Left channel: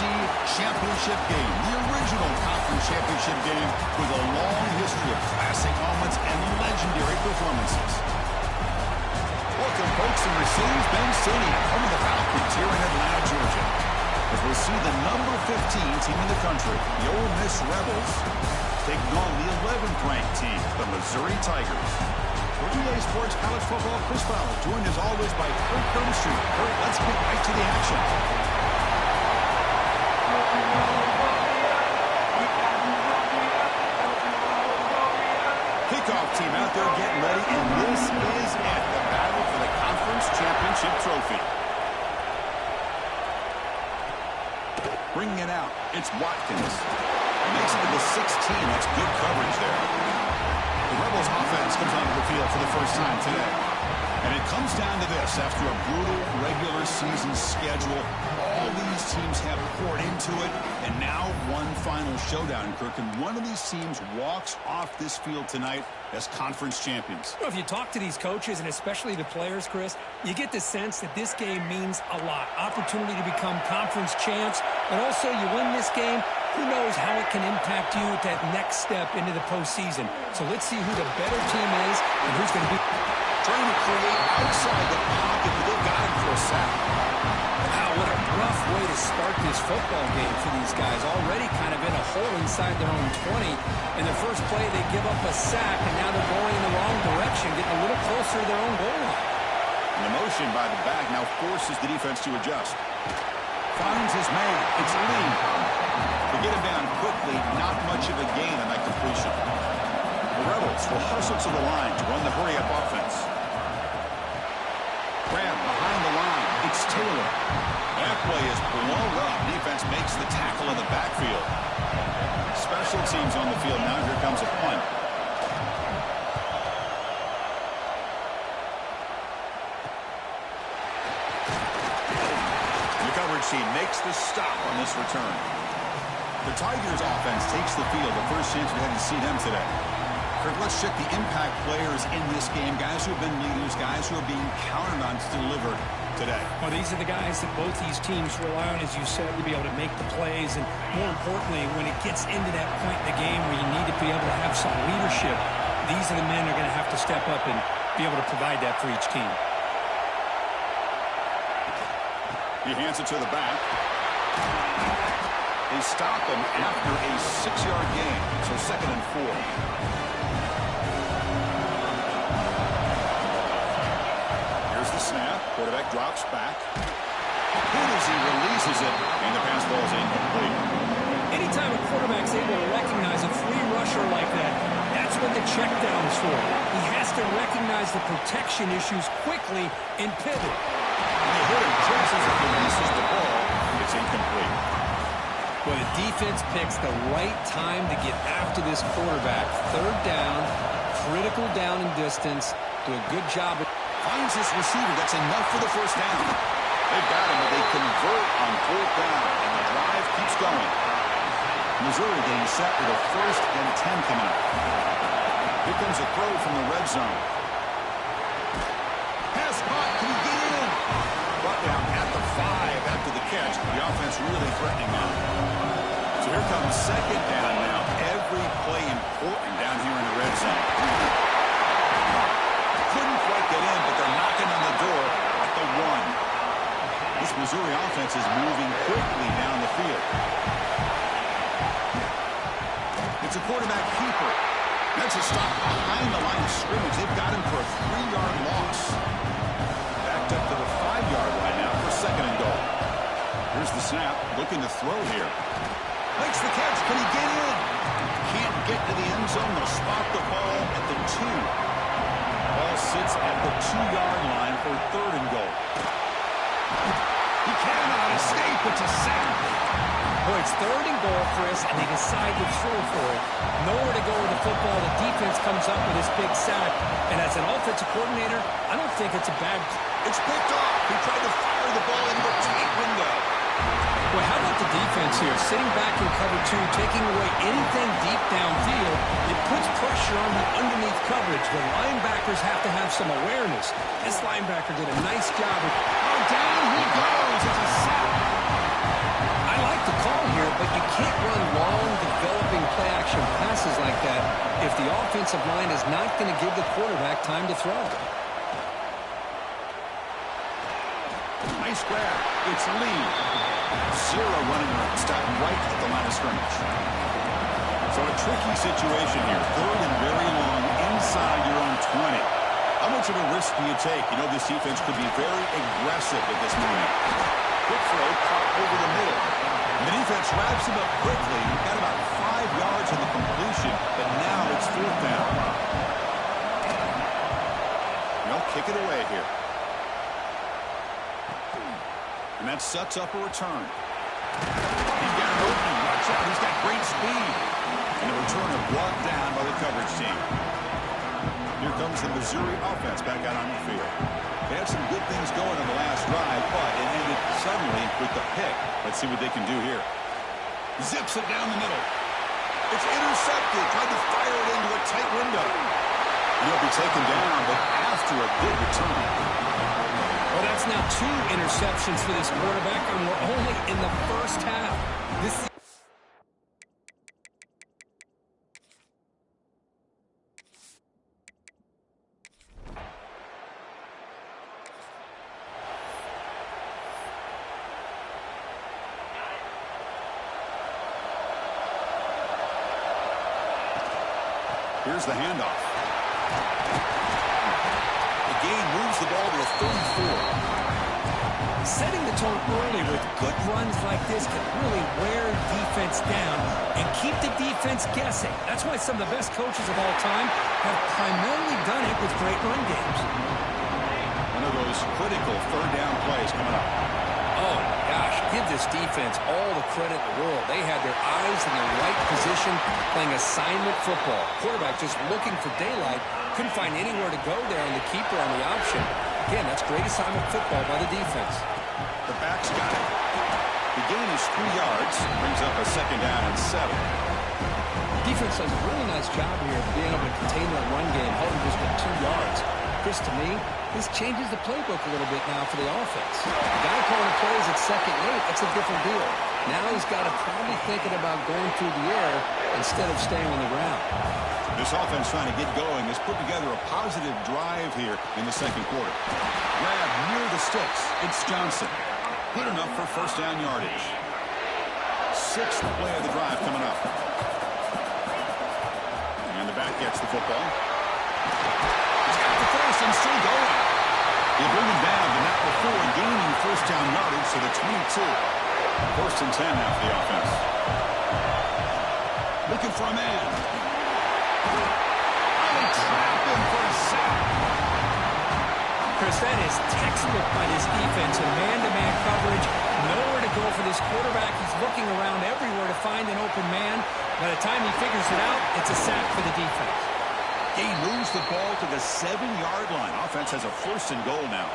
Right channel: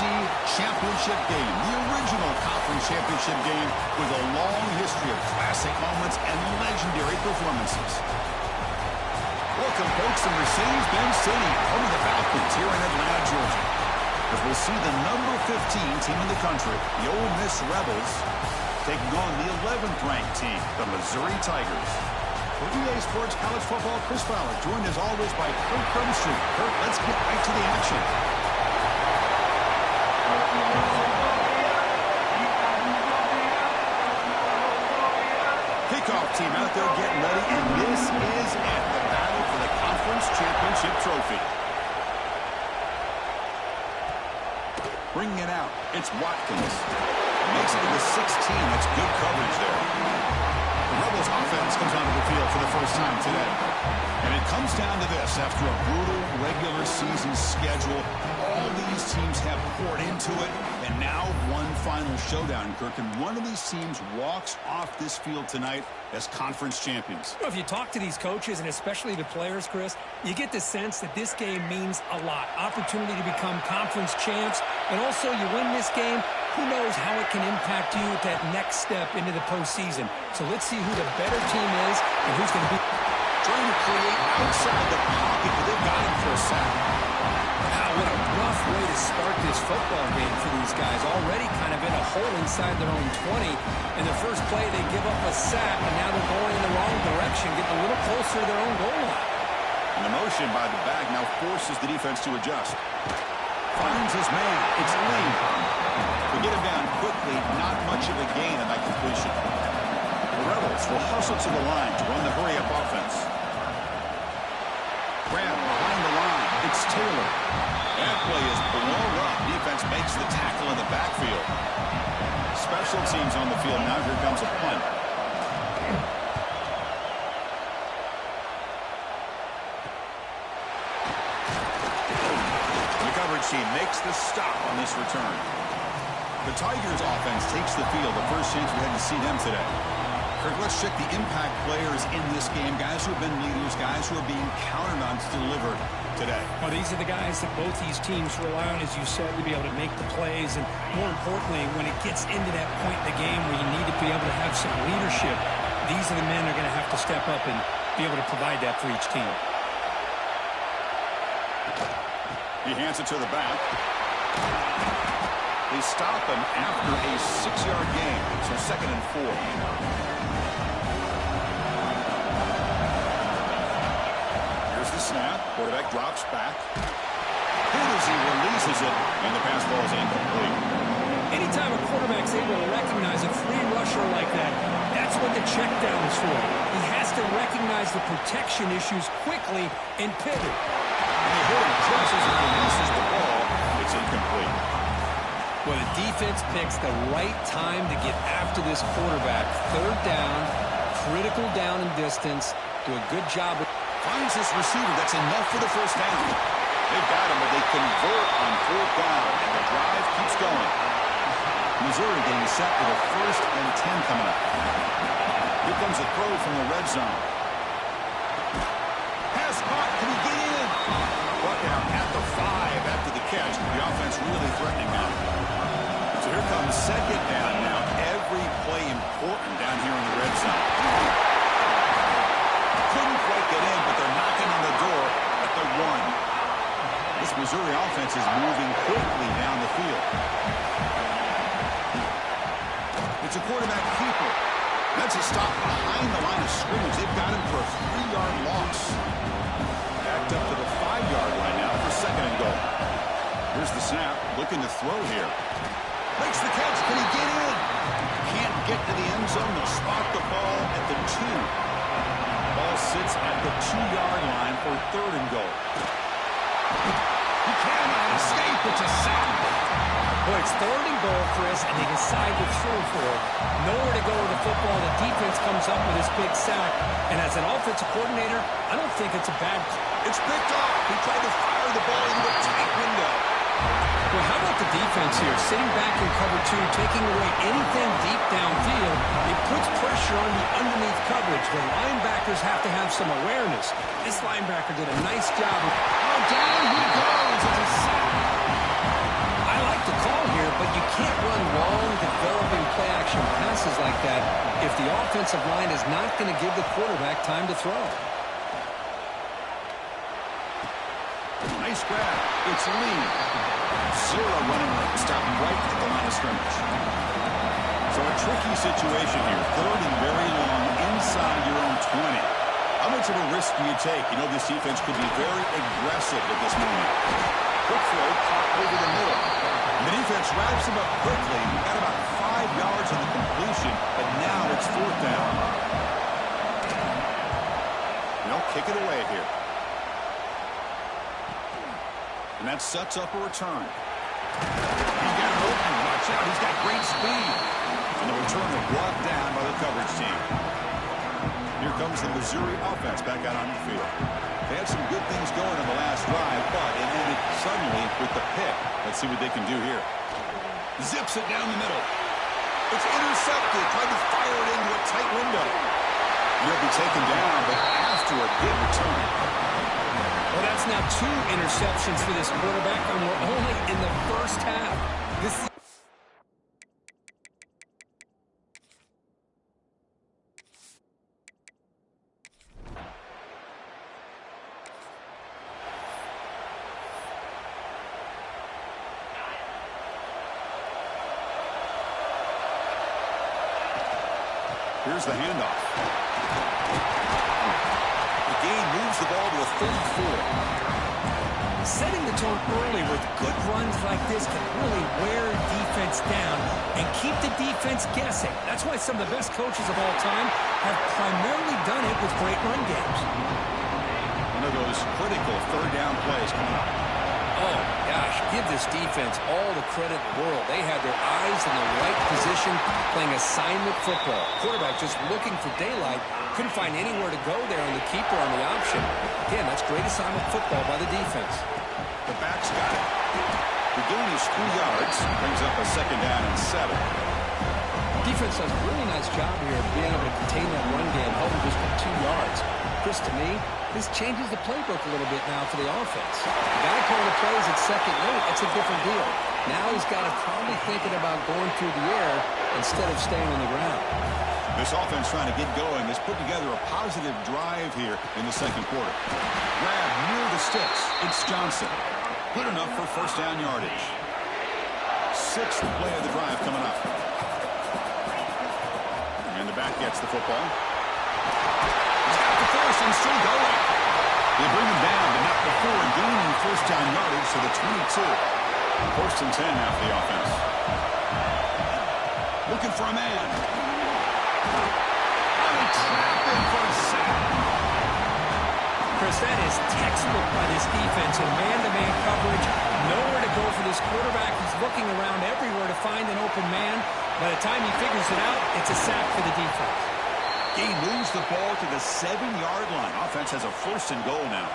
championship game, the original conference championship game with a long history of classic moments and legendary performances. Welcome, folks, to Mercedes-Benz Stadium, home of the Falcons here in Atlanta, Georgia. As we'll see the number 15 team in the country, the Ole Miss Rebels, taking on the 11th ranked team, the Missouri Tigers. For EA Sports College Football, Chris Fowler, joined as always by Kurt Kirkstreet. Kurt, let's get right to the action. Kickoff team out there getting ready, and this is it, the battle for the conference championship trophy. Bringing it out, it's Watkins. Makes it to the 16. That's good coverage there. The Rebels offense comes onto the field for the first time today. And it comes down to this. After a brutal regular season schedule, all these teams have poured into it. And now one final showdown, Kirk. And one of these teams walks off this field tonight as conference champions. Well, if you talk to these coaches, and especially the players, Chris, you get the sense that this game means a lot. Opportunity to become conference champs. And also, you win this game, who knows how it can impact you at that next step into the postseason. So let's see who the better team is and who's going to be. Trying to create outside the pocket, but they've got him for a sack. Wow, what a rough way to start this football game for these guys. Already kind of in a hole inside their own 20. In their first play, they give up a sack, and now they're going in the wrong direction, getting a little closer to their own goal line. And the motion by the back now forces the defense to adjust. Finds his man. It's Lee. They get him down quickly. Not much of a gain on that completion. The Rebels will hustle to the line to run the hurry-up offense. Grab behind the line. It's Taylor. That play is blown up. Defense makes the tackle in the backfield. Special teams on the field. Now here comes a punt. The coverage team makes the stop on this return. The Tigers offense takes the field. The first chance we had to see them today. Kirk, let's check the impact players in this game. Guys who have been leaders, guys who are being counted on to deliver today. Well, these are the guys that both these teams rely on, as you said, to be able to make the plays. And more importantly, when it gets into that point in the game where you need to be able to have some leadership, these are the men who are going to have to step up and be able to provide that for each team. He hands it to the back. They stop him after a 6-yard gain, so 2nd and 4. Here's the snap. Quarterback drops back. Hit as he releases it, and the pass ball is incomplete. Anytime a quarterback's able to recognize a free rusher like that, that's what the check down is for. He has to recognize the protection issues quickly and pivot. And they hit him just as he releases the ball. It's incomplete. Well, the defense picks the right time to get after this quarterback. 3rd down, critical down and distance. Do a good job. Finds this receiver. That's enough for the first down. They've got him, but they convert on 4th down, and the drive keeps going. Missouri getting set with a 1st and 10 coming up. Here comes a throw from the red zone. Pass caught. Can he get in? Brought down at the 5 after the catch. The offense really threatening now. So here comes 2nd down now. Every play important down here in the red zone. Couldn't quite get in, but they're knocking on the door at the 1. This Missouri offense is moving quickly down the field. It's a quarterback keeper. That's a stop behind the line of scrimmage. They've got him for a 3-yard loss. Backed up to the 5-yard line now for 2nd and goal. Here's the snap. Looking to throw here. Makes the catch. Can he get in? Can't get to the end zone. They'll spot the ball at the 2. Ball sits at the 2-yard line for 3rd and goal. He cannot escape. It's a sack. Boy, it's 3rd and goal, Chris, and they decide to throw for it. Nowhere to go with the football. The defense comes up with this big sack. And as an offensive coordinator, I don't think it's a bad. It's picked off. He tried to fire the ball into a tight window. Well, how about the defense here? Sitting back in cover 2, taking away anything deep downfield. It puts pressure on the underneath coverage. The linebackers have to have some awareness. This linebacker did a nice job. Oh, down he goes. It's a sack. I like the can't run long, developing play-action passes like that if the offensive line is not going to give the quarterback time to throw. Nice grab. It's Lee. Zero running room. Stopped right at the line of scrimmage. So a tricky situation here. Third and very long inside your own 20. How much of a risk do you take? You know this defense could be very aggressive at this moment. Quick throw caught over the middle. And the defense wraps him up quickly. He got about 5 yards on the completion, but now it's 4th down. They'll kick it away here. And that sets up a return. He's got an opening. Watch out. He's got great speed. And the return is brought down by the coverage team. Here comes the Missouri offense back out on the field. They had some good things going on the last drive, but it ended suddenly with the pick. Let's see what they can do here. Zips it down the middle. It's intercepted. Tried to fire it into a tight window. He'll be taken down, but after a good return. Well, that's now 2 interceptions for this quarterback, and we're only in the first half. Here's the handoff. The gain moves the ball to the 34. Setting the tone early with good runs like this can really wear defense down and keep the defense guessing. That's why some of the best coaches of all time have primarily done it with great run games. One of those critical 3rd down plays coming up. Oh, gosh, give this defense all the credit in the world. They had their eyes in the right position playing assignment football. Quarterback just looking for daylight. Couldn't find anywhere to go there on the keeper on the option. Again, that's great assignment football by the defense. The back's got it. The gain is 3 yards. Brings up a 2nd down and 7. Defense does a really nice job here of being able to contain that run game, held him just at 2 yards. Chris, to me, this changes the playbook a little bit now for the offense. The guy calling the plays at 2nd and 8, that's a different deal. Now he's got to probably thinking about going through the air instead of staying on the ground. This offense trying to get going has put together a positive drive here in the 2nd quarter. Grab near the sticks. It's Johnson. Good enough for 1st down yardage. 6th play of the drive coming up. And the back gets the football. He's got the first and still going. They bring him down, but not before gaining 1st down yardage to the 22. 1st and 10 now for the offense. Looking for a man. They trap him for a sack. Chris, that is textbook by this defense in man-to-man coverage. Nowhere to go for this quarterback. He's looking around everywhere to find an open man. By the time he figures it out, it's a sack for the defense. He moves the ball to the 7-yard line. Offense has a 1st and goal now.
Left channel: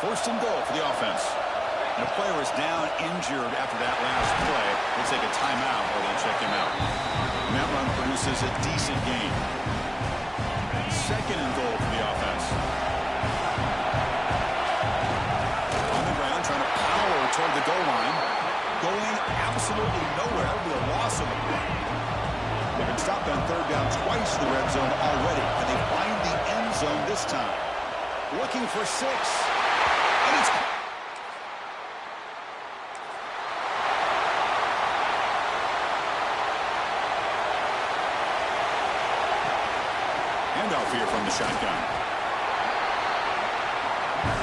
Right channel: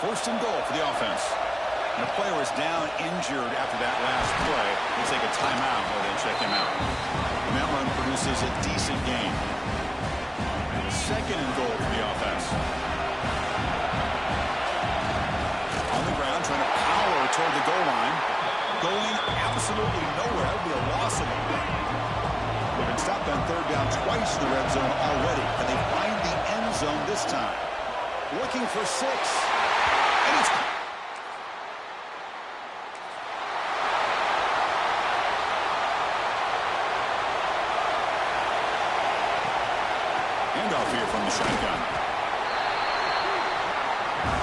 1st and goal for the offense. And the player is down injured after that last play. We'll take a timeout or then check him out. And that run produces a decent gain. 2nd and goal for the offense. On the ground, trying to power toward the goal line. Going absolutely nowhere. That would be a loss of the play. They've been stopped on 3rd down twice in the red zone already. Can they find the end zone this time? Looking for 6. And it's... Handoff here from the shotgun.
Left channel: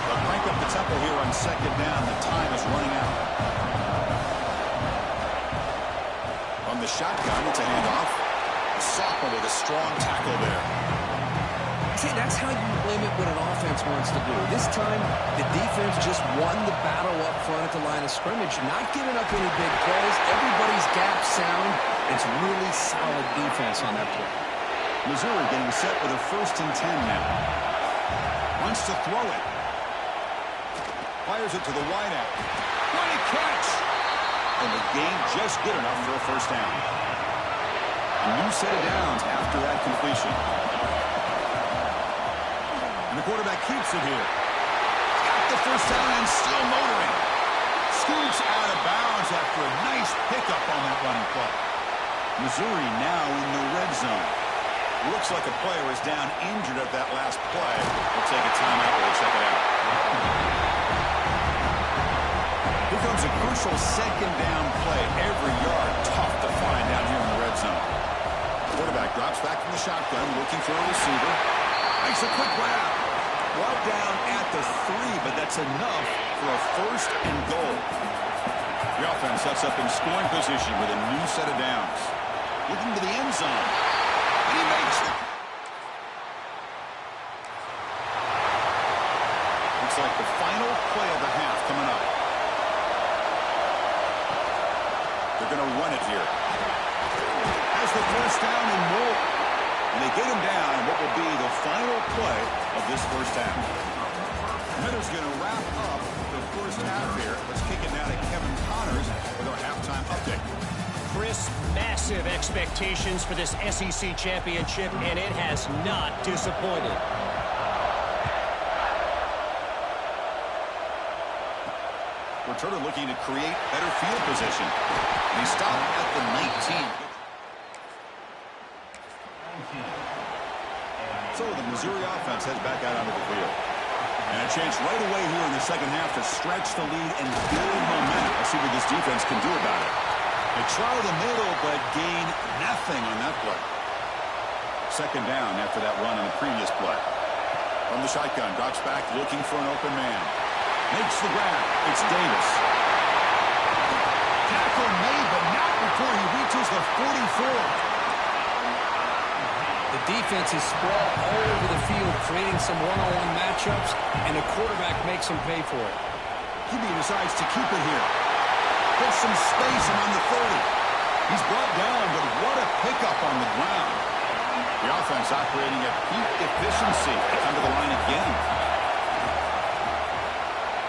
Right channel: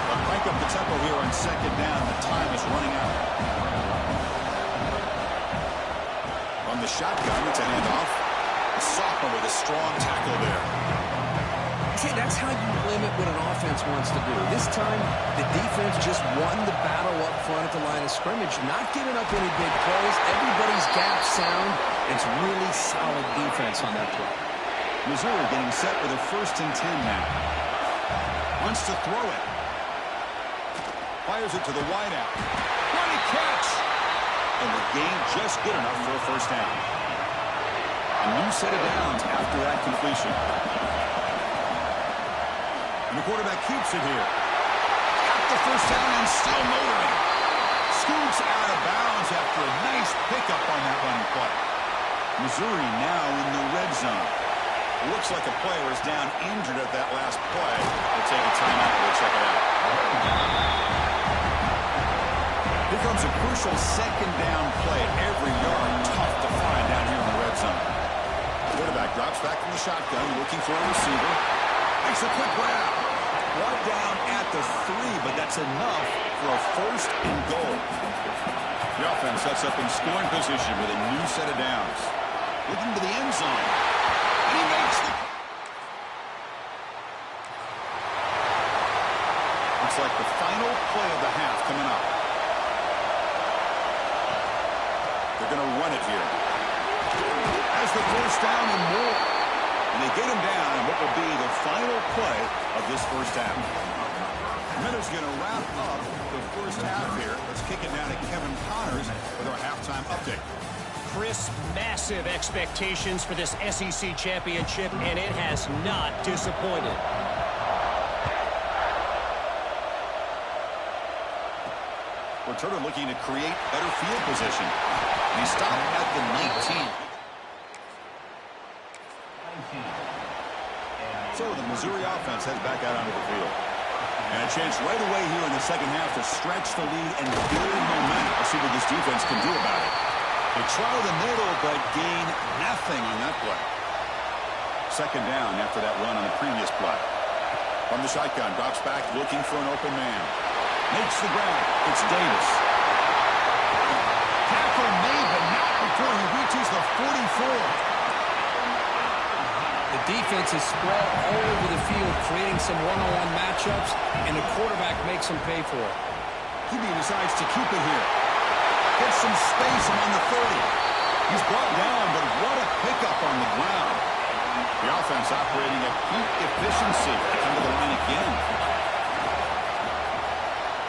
They'll crank up the tempo here on 2nd down. The time is running out. On the shotgun, it's a handoff. The sophomore with a strong tackle there. See, that's how you limit what an offense wants to do. This time, the defense just won the battle up front at the line of scrimmage, not giving up any big plays. Everybody's gap sound. It's really solid defense on that play. Missouri getting set with a 1st and 10 now. Wants to throw it. Fires it to the wideout. What a catch! And the gain just good enough for a 1st down. A new set of downs after that completion. And the quarterback keeps it here. Got the 1st down and still motoring. School Shoots out of bounds after a nice pickup on that running play. Missouri now in the red zone. Looks like a player is down injured at that last play. They'll take a timeout while they check it out. Here comes a crucial second down play. Every yard tough to find down here in the red zone. Quarterback drops back from the shotgun, looking for a receiver. Makes a quick grab. Brought down at the 3, but that's enough for a first and goal. The offense sets up in scoring position with a new set of downs. Looking to the end zone. And he makes the... Looks like the final play of the half coming up. They're going to run it here. Has the first down and more. And they get him down in what will be the final play of this first half. Miller's going to wrap up the first half here. Let's kick it now to Kevin Connors with our halftime update. Chris, massive expectations for this SEC championship, and it has not disappointed. Returner looking to create better field position. And he stopped at the 19. So the Missouri offense heads back out onto the field. And a chance right away here in the second half to stretch the lead and build momentum. Let's see what this defense can do about it. They try the middle, but gain nothing on that play. Second down after that run on the previous play. From the shotgun, drops back, looking for an open man. Makes the grab. It's Davis. Tackle made, but not before he reaches the 44. The defense is spread all over the field, creating some one-on-one matchups, and the quarterback makes them pay for it. QB decides to keep it here. Gets some space around the 30. He's brought down, but what a pickup on the ground. The offense operating at peak efficiency. They come to the line again.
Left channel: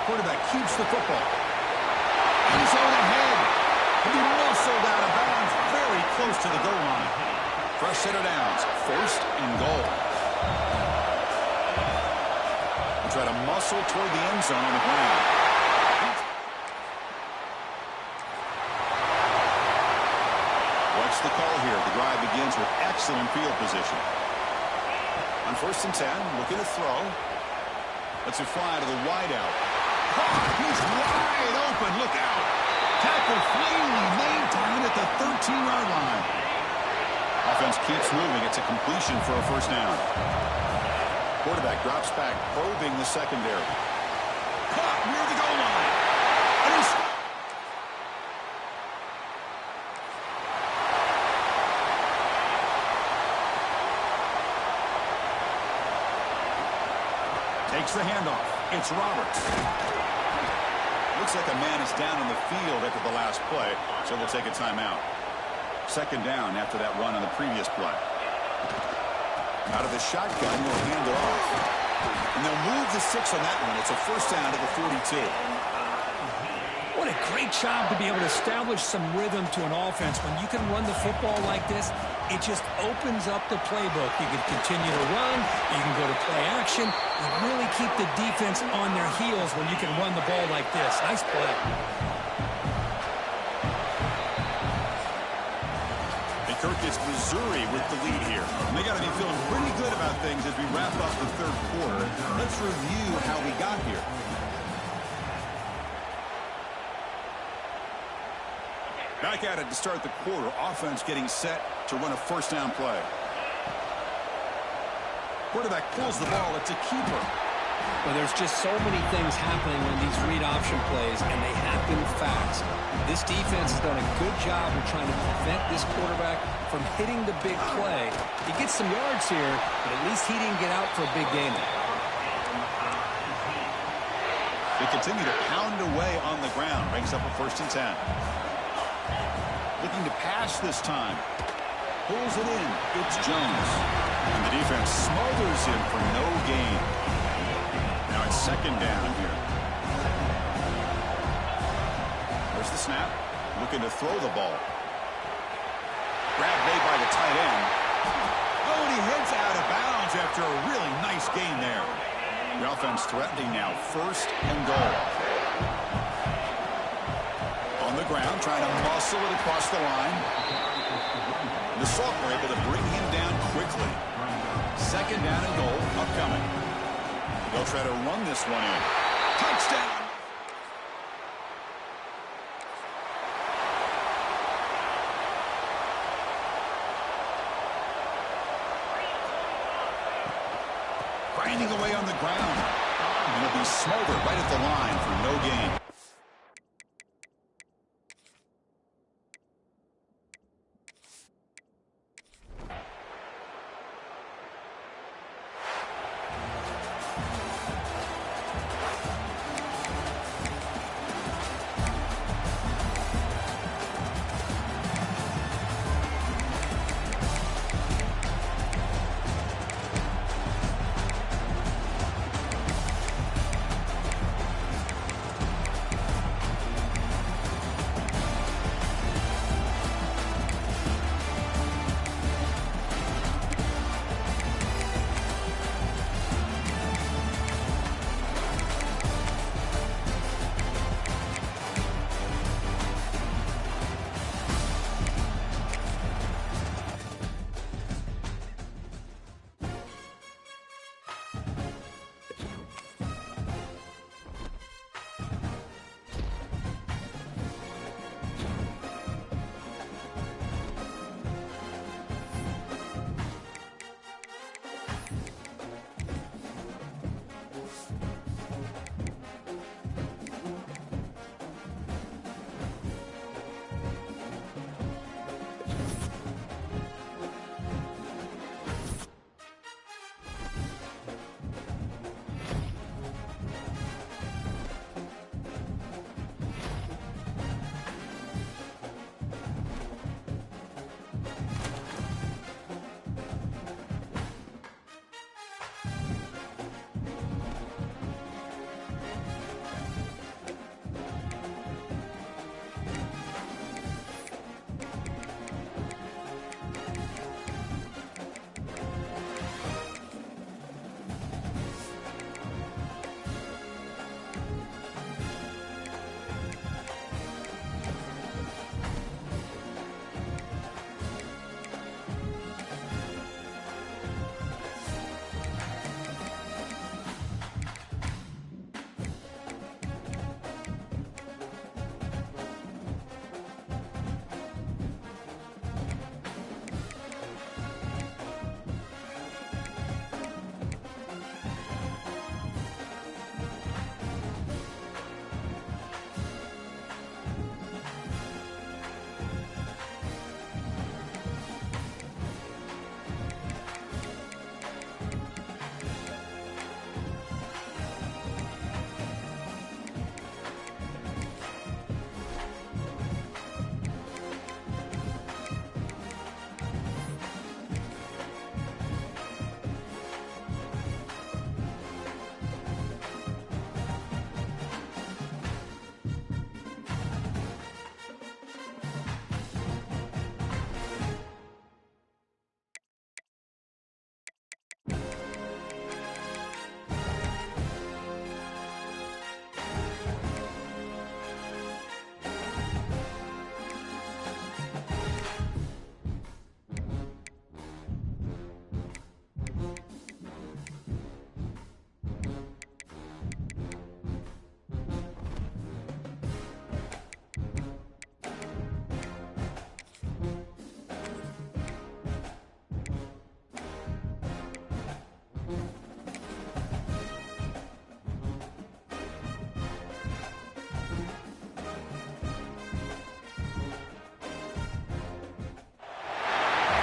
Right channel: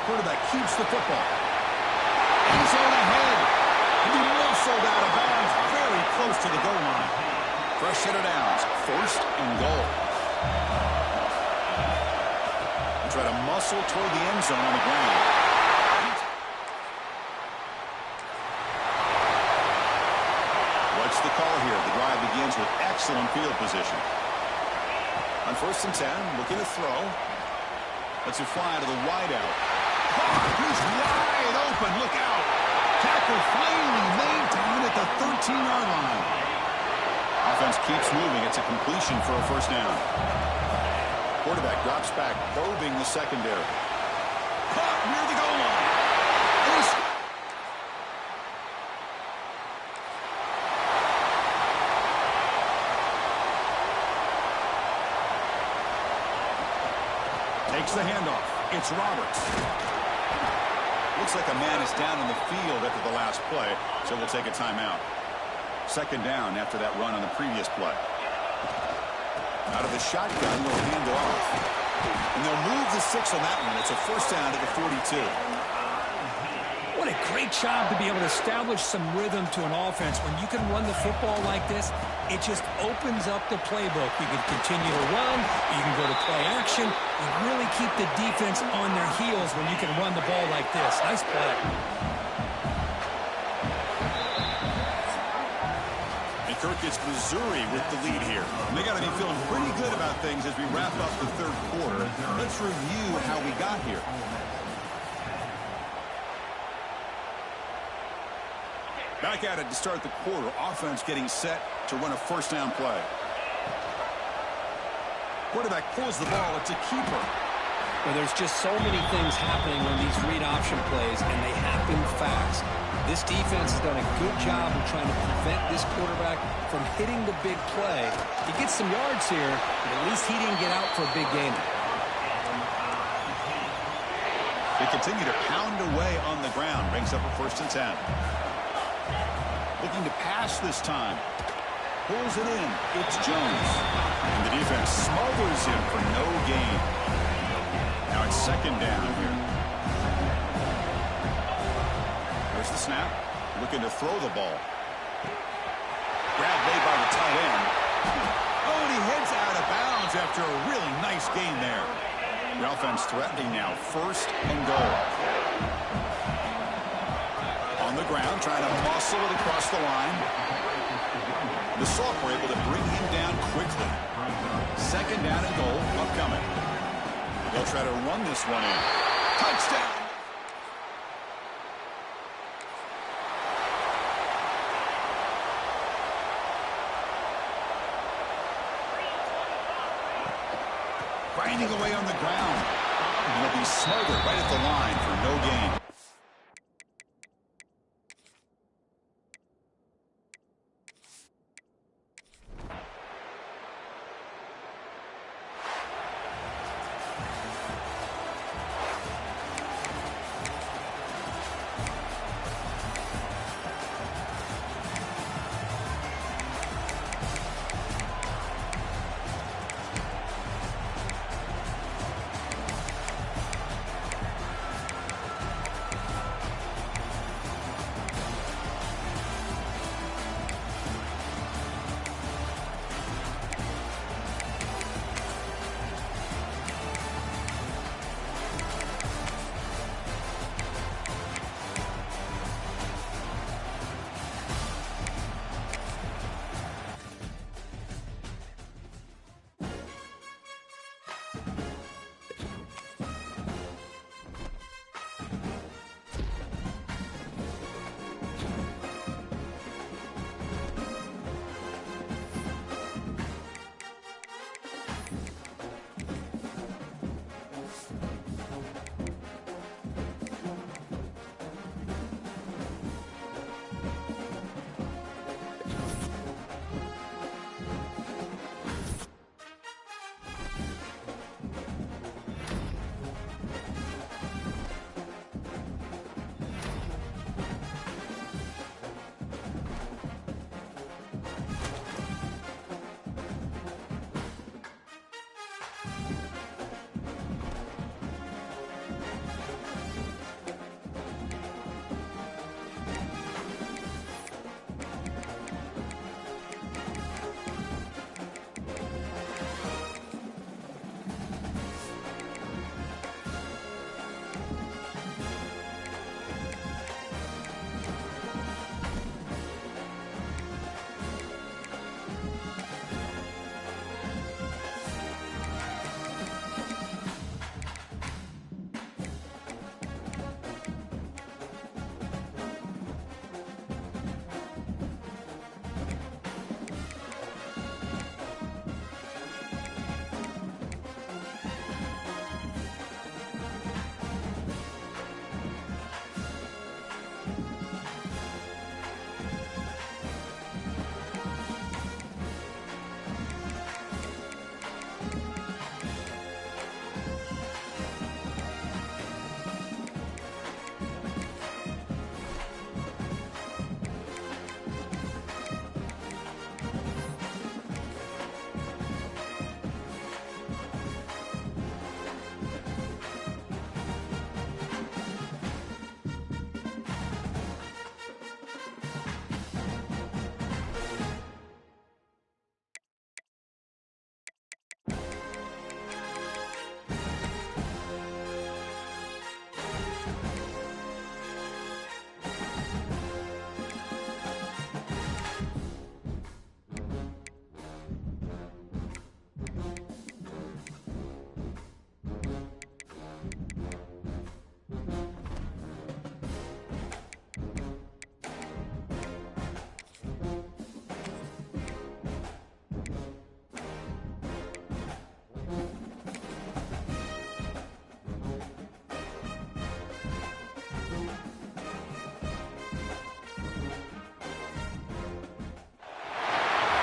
Quarterback keeps the football. End zone ahead. He'll be muscled out of bounds very close to the goal line. Fresh set of downs. First and goal. They try to muscle toward the end zone on the ground. What's the call here? The drive begins with excellent field position. On first and 10, looking to throw. Lets it fly to the wideout. He's wide open. Look out. Tackle finally made down at the 13-yard line. Offense keeps moving. It's a completion for a first down. Quarterback drops back, probing the secondary. Caught near the goal line. And he's... Takes the handoff. It's Roberts. Looks like a man is down on the field after the last play, so we'll take a timeout. Second down after that run on the previous play. Out of the shotgun, they'll hand it off. And they'll move the 6 on that one. It's a first down to the 42. What a great job to be able to establish some rhythm to an offense. When you can run the football like this, it just opens up the playbook. You can continue to run. You can go to play action. You really keep the defense on their heels when you can run the ball like this. Nice play. And Kirk, it's Missouri with the lead here. And they got to be feeling pretty good about things as we wrap up the third quarter. Let's review how we got here. Back at it to start the quarter. Offense getting set to run a first down play. Quarterback pulls the ball. It's a keeper. Well, there's just so many things happening on these read option plays, and they happen fast. This defense has done a good job of trying to prevent this quarterback from hitting the big play. He gets some yards here, but at least he didn't get out for a big gain. They continue to pound away on the ground. Brings up a first and 10. Looking to pass this time. Pulls it in. It's Jones. And the defense smothers him for no gain. Now it's second down here. There's the snap. Looking to throw the ball. Grab made by the tight end. Oh, and he heads out of bounds after a really nice gain there. The offense threatening now. First and goal. On the ground, trying to muscle it across the line. The Sauk were able to bring him down quickly. Second down and goal upcoming. They'll try to run this one in. Touchdown! Grinding away on the ground. And he'll be smothered right at the line for no gain.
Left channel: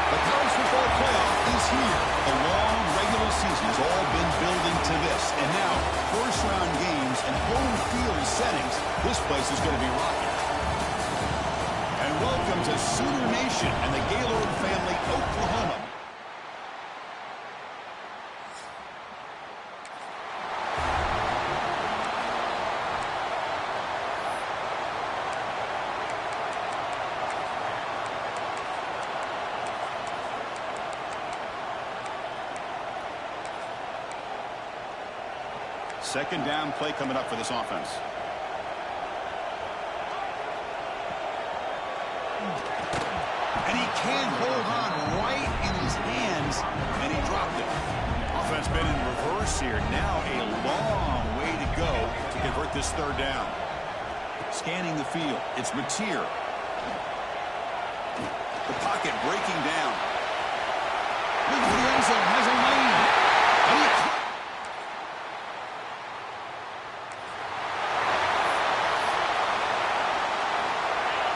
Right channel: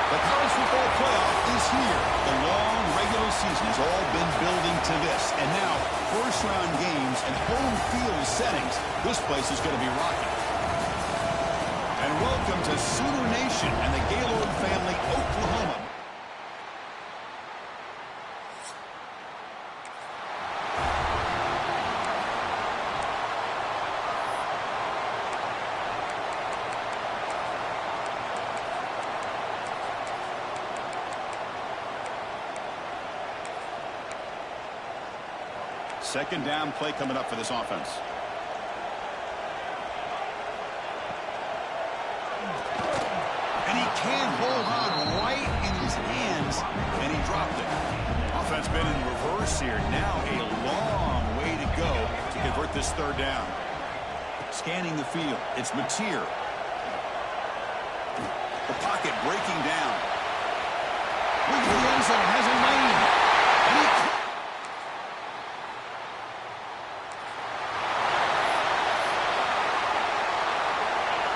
The college football playoff is here. The long regular season has all been building to this. And now, first-round games and home field settings. This place is going to be rocking. And welcome to Sooner Nation and the Gaylord family, Oklahoma. Second down play coming up for this offense. And he can't hold on right in his hands, and he dropped it. Offense been in reverse here. Now a long way to go to convert this third down. Scanning the field, it's Mateer. The pocket breaking down. Look for the end zone, has a lane. And he...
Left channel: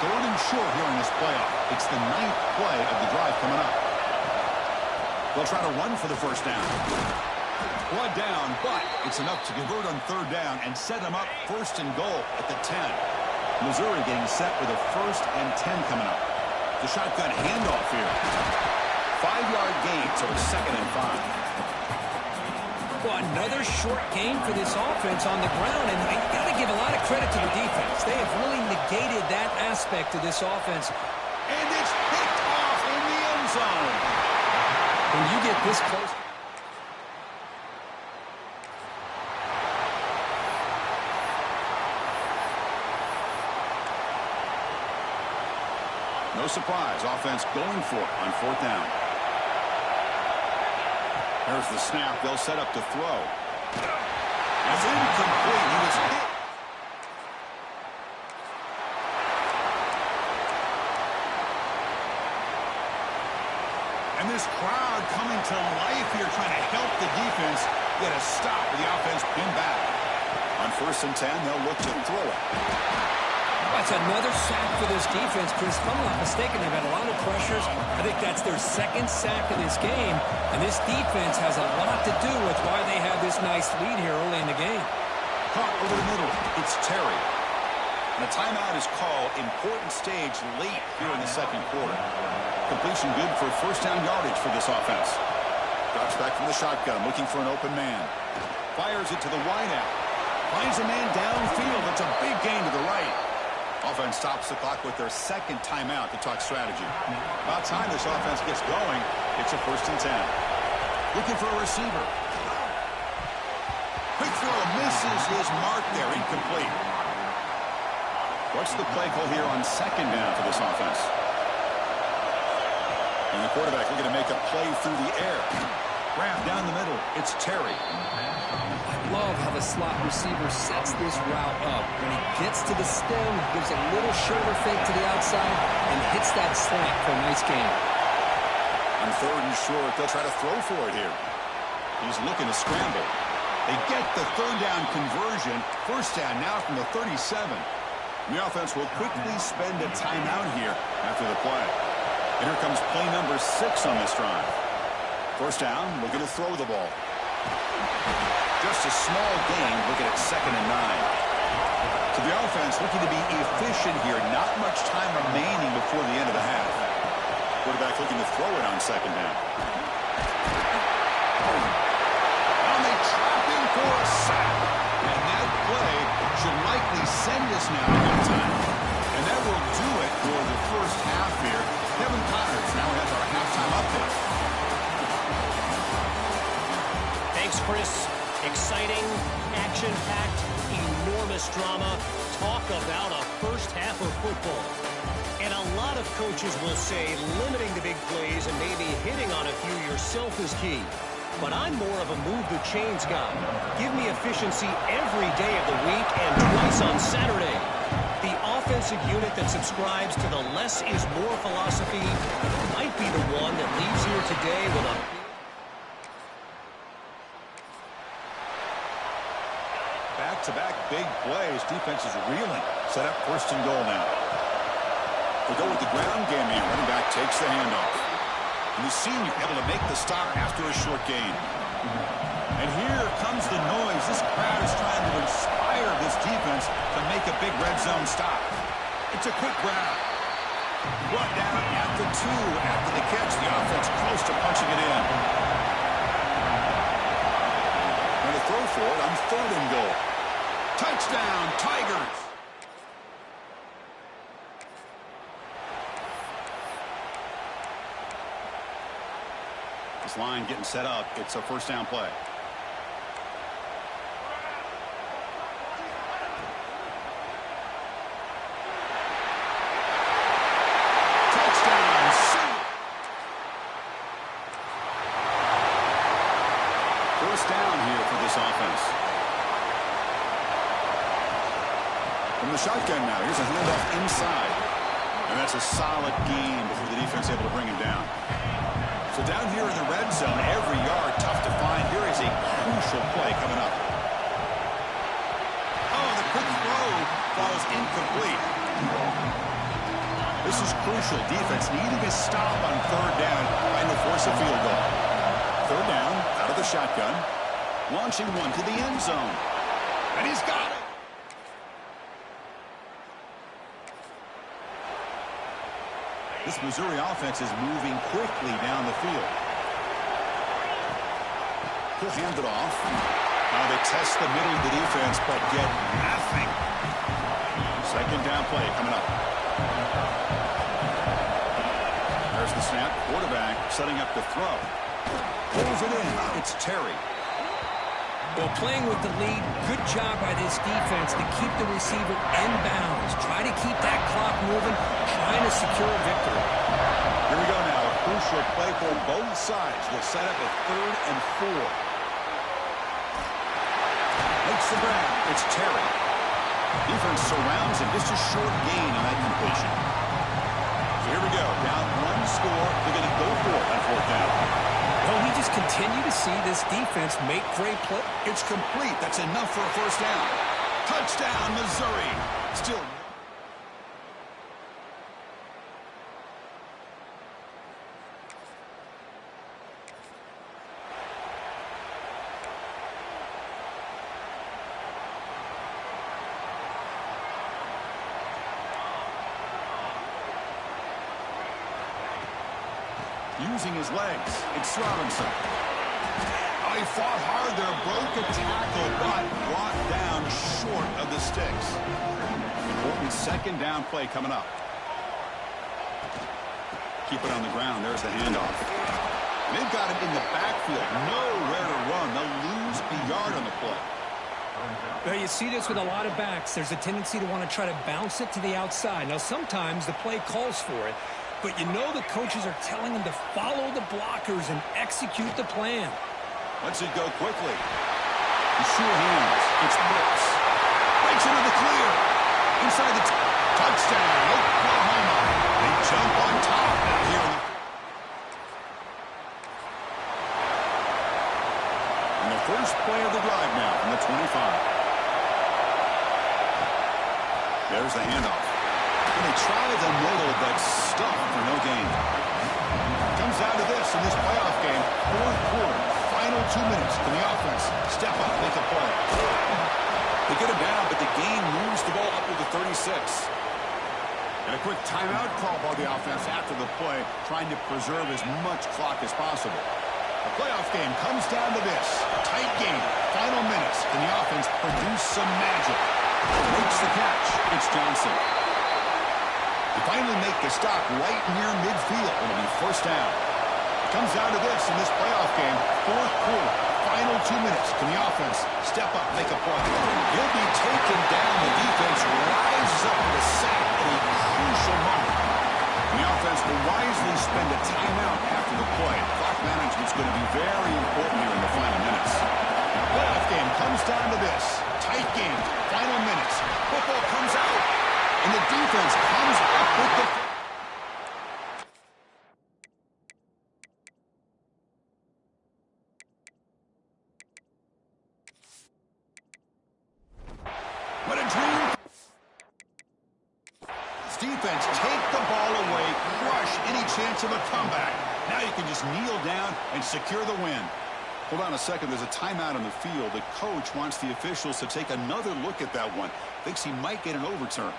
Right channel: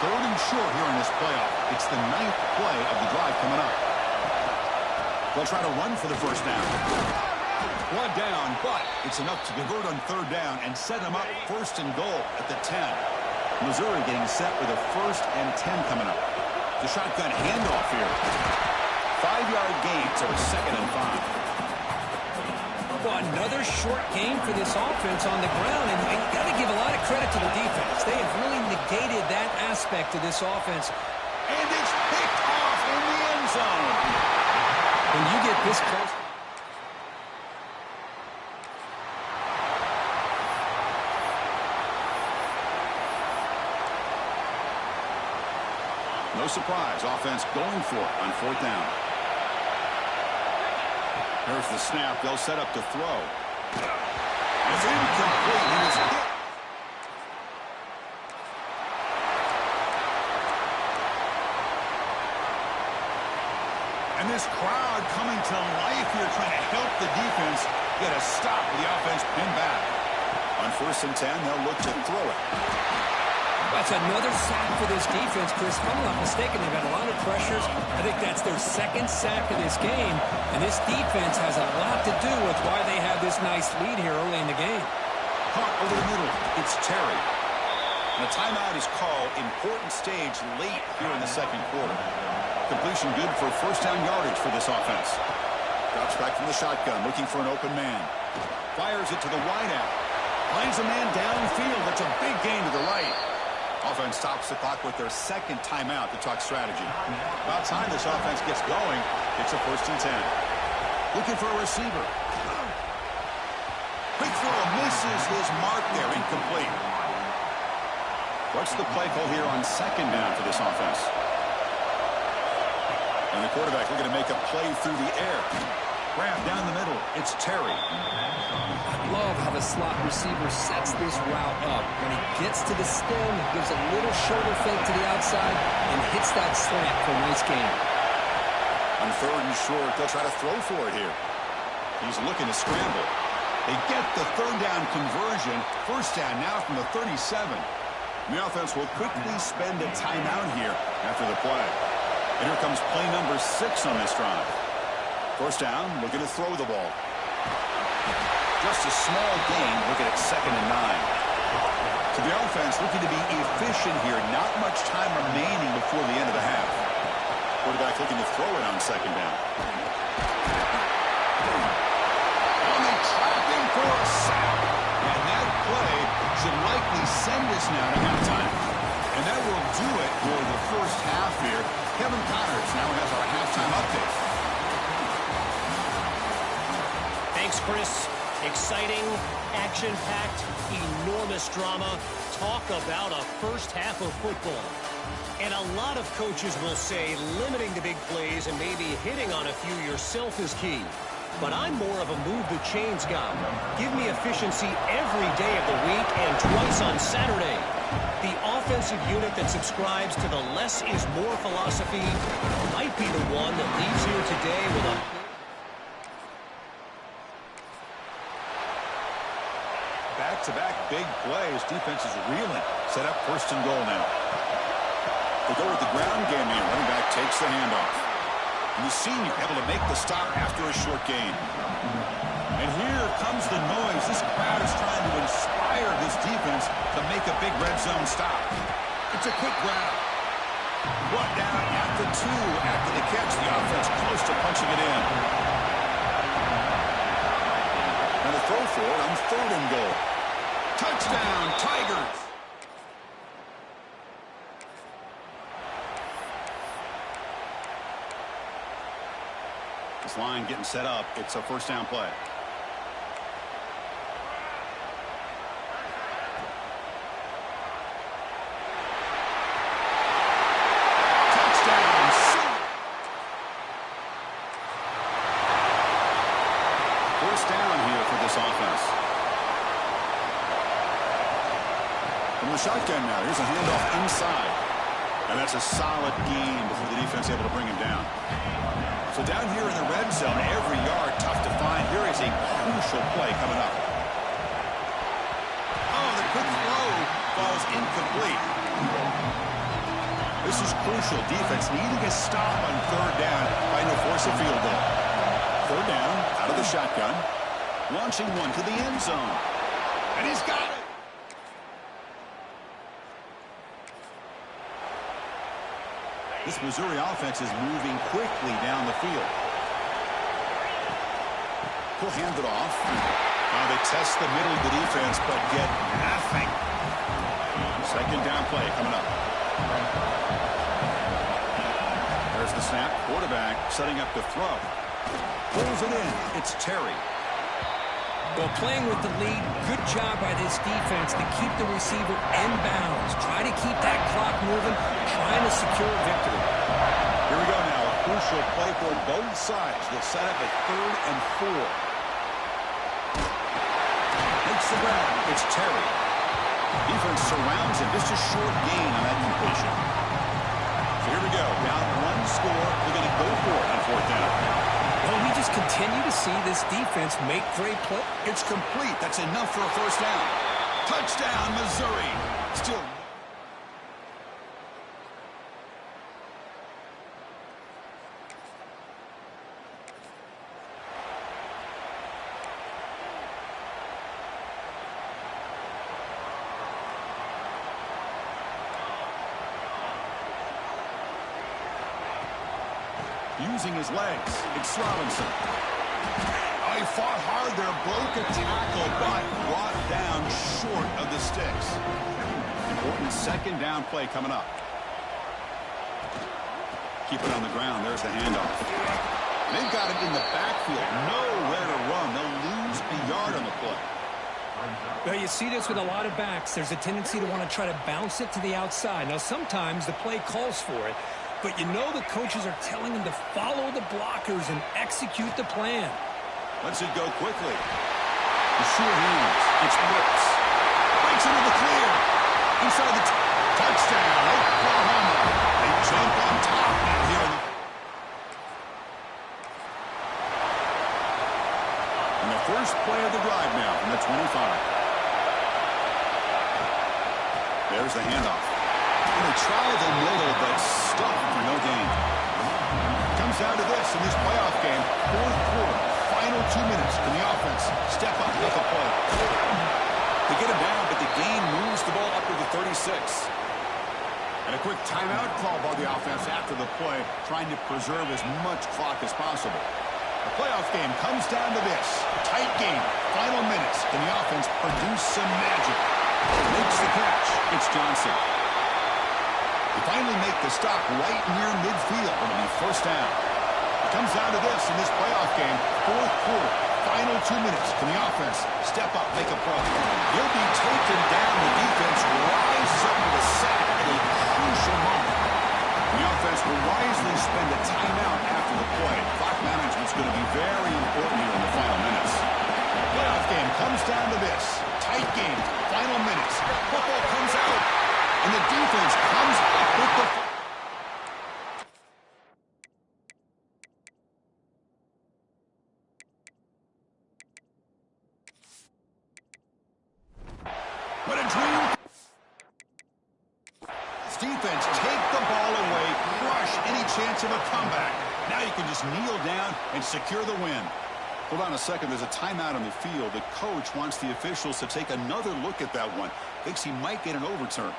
Third and short here in this playoff. It's the 9th play of the drive coming up. They'll try to run for the first down. One down, but it's enough to convert on third down and set them up first and goal at the 10. Missouri getting set with a 1st and 10 coming up. The shotgun handoff here. 5-yard gain, so it's 2nd and 5. Well, another short game for this offense on the ground, and you got to give a lot of credit to the defense. They have really negated that aspect of this offense. And it's picked off in the end zone. When you get this close... No surprise, offense going for it on 4th down. There's the snap. They'll set up to throw. It's incomplete. He was hit. And this crowd coming to life here trying to help the defense get a stop with the offense pinned back. On 1st and 10, they'll look to throw it. That's another sack for this defense, Chris. If I'm not mistaken, they've had a lot of pressures. I think that's their 2nd sack of this game. And this defense has a lot to do with why they have this nice lead here early in the game. Caught over the middle. It's Terry. And a timeout is called. Important stage late here in the 2nd quarter. Completion good for 1st down yardage for this offense. Drops back from the shotgun, looking for an open man. Fires it to the wideout. Finds a man downfield. That's a big gain to the right. Offense stops the clock with their 2nd timeout to talk strategy. About time this offense gets going. It's a 1st and 10. Looking for a receiver. Quick throw misses his mark there. Incomplete. What's the play call here on 2nd down for this offense? And the quarterback looking to make a play through the air. Grab down the middle. It's Terry. I love how the slot receiver sets this route up. When he gets to the stem, he gives a little shoulder fake to the outside and hits that slant for a nice gain. On 3rd and short, they'll try to throw for it here. He's looking to scramble. They get the 3rd down conversion. 1st down now from the 37. And the offense will quickly spend a timeout here after the play. And here comes play number 6 on this drive. 1st down, looking to throw the ball. Just a small gain, looking at 2nd and 9. So the offense looking to be efficient here. Not much time remaining before the end of the half. Quarterback looking to throw it on 2nd down. And they trap him for a sack. And that play should likely send us now to halftime. And that will do it for the 1st half here. Kevin Connors now has our halftime update. Thanks, Chris. Exciting, action-packed, enormous drama. Talk about a 1st half of football. And a lot of coaches will say limiting the big plays and maybe hitting on a few yourself is key. But I'm more of a move the chains guy. Give me efficiency every day of the week and twice on Saturday. The offensive unit that subscribes to the less is more philosophy might be the one that leaves here today with a back-to-back big plays. Defense is reeling. Set up 1st and goal now. They go with the ground game here. Running back takes the handoff. And the senior able to make the stop after a short gain. And here comes the noise. This crowd is trying to inspire this defense to make a big red zone stop. It's a quick grab. Brought down at the 2 after the catch. The offense close to punching it in. And a throw for it on 3rd and goal. Touchdown, Tigers. This line getting set up. It's a 1st down play. first down here for this offense. From the shotgun now, here's a handoff inside. And that's a solid gain before the defense able to bring him down. So down here in the red zone, every yard tough to find. Here is a crucial play coming up. Oh, the quick throw falls incomplete. This is crucial. Defense needing a stop on third down, trying to force a field goal. Third down, out of the shotgun. Launching one to the end zone. And he's got it. This Missouri offense is moving quickly down the field. He'll hand it off. They test the middle of the defense, but get nothing. Second down play coming up. There's the snap. Quarterback setting up to throw. Pulls it in. It's Terry. Well, playing with the lead, good job by this defense to keep the receiver in bounds. Try to keep that clock moving, trying to secure a victory. Here we go now. A crucial play for both sides. They'll set up a 3rd and 4. Makes the grab. It's Terry. Defense surrounds him. Just a short gain on that completion. So here we go. Down 1 score. They're going to go for it on 4th down. Well, we just continue to see this defense make great play. It's complete. That's enough for a first down. Touchdown, Missouri. Still. Using his legs, it's Robinson. Oh, he fought hard there, broke a tackle, but brought down short of the sticks. Important second down play coming up. Keep it on the ground. There's the handoff. They've got him in the backfield. Nowhere to run. They'll lose a yard on the play. Well, you see this with a lot of backs. There's a tendency to want to try to bounce it to the outside. Now, sometimes the play calls for it, but you know the coaches are telling them to follow the blockers and execute the plan. Lets it go quickly. The sure hands. It's Brooks. Breaks into the clear. Inside the touchdown, Oklahoma. They jump on top now here. And the first play of the drive now from the 25. There's the handoff. And they try the middle, but stuff for no gain. Comes down to this in this playoff game. 4th quarter, final 2 minutes. Can the offense step up, make a play? They get him down, but the gain moves the ball up to the 36. And a quick timeout call by the offense after the play, trying to preserve as much clock as possible. The playoff game comes down to this. Tight game, final minutes. Can the offense produce some magic? Makes the catch. It's Johnson. They finally make the stop right near midfield. It'll be first down. It comes down to this in this playoff game. 4th quarter, final 2 minutes. Can the offense step up, make a play? He'll be taken down. The defense rises up with a sack at a crucial moment. And the offense will wisely spend a timeout after the play. Clock management's going to be very important here in the final minutes. The playoff game comes down to this. Tight game, final minutes. Football comes out. And the defense comes up with the... What a dream. This defense take the ball away, crush any chance of a comeback. Now you can just kneel down and secure the win. Hold on a second. There's a timeout on the field. The coach wants the officials to take another look at that one. Thinks he might get an overturn.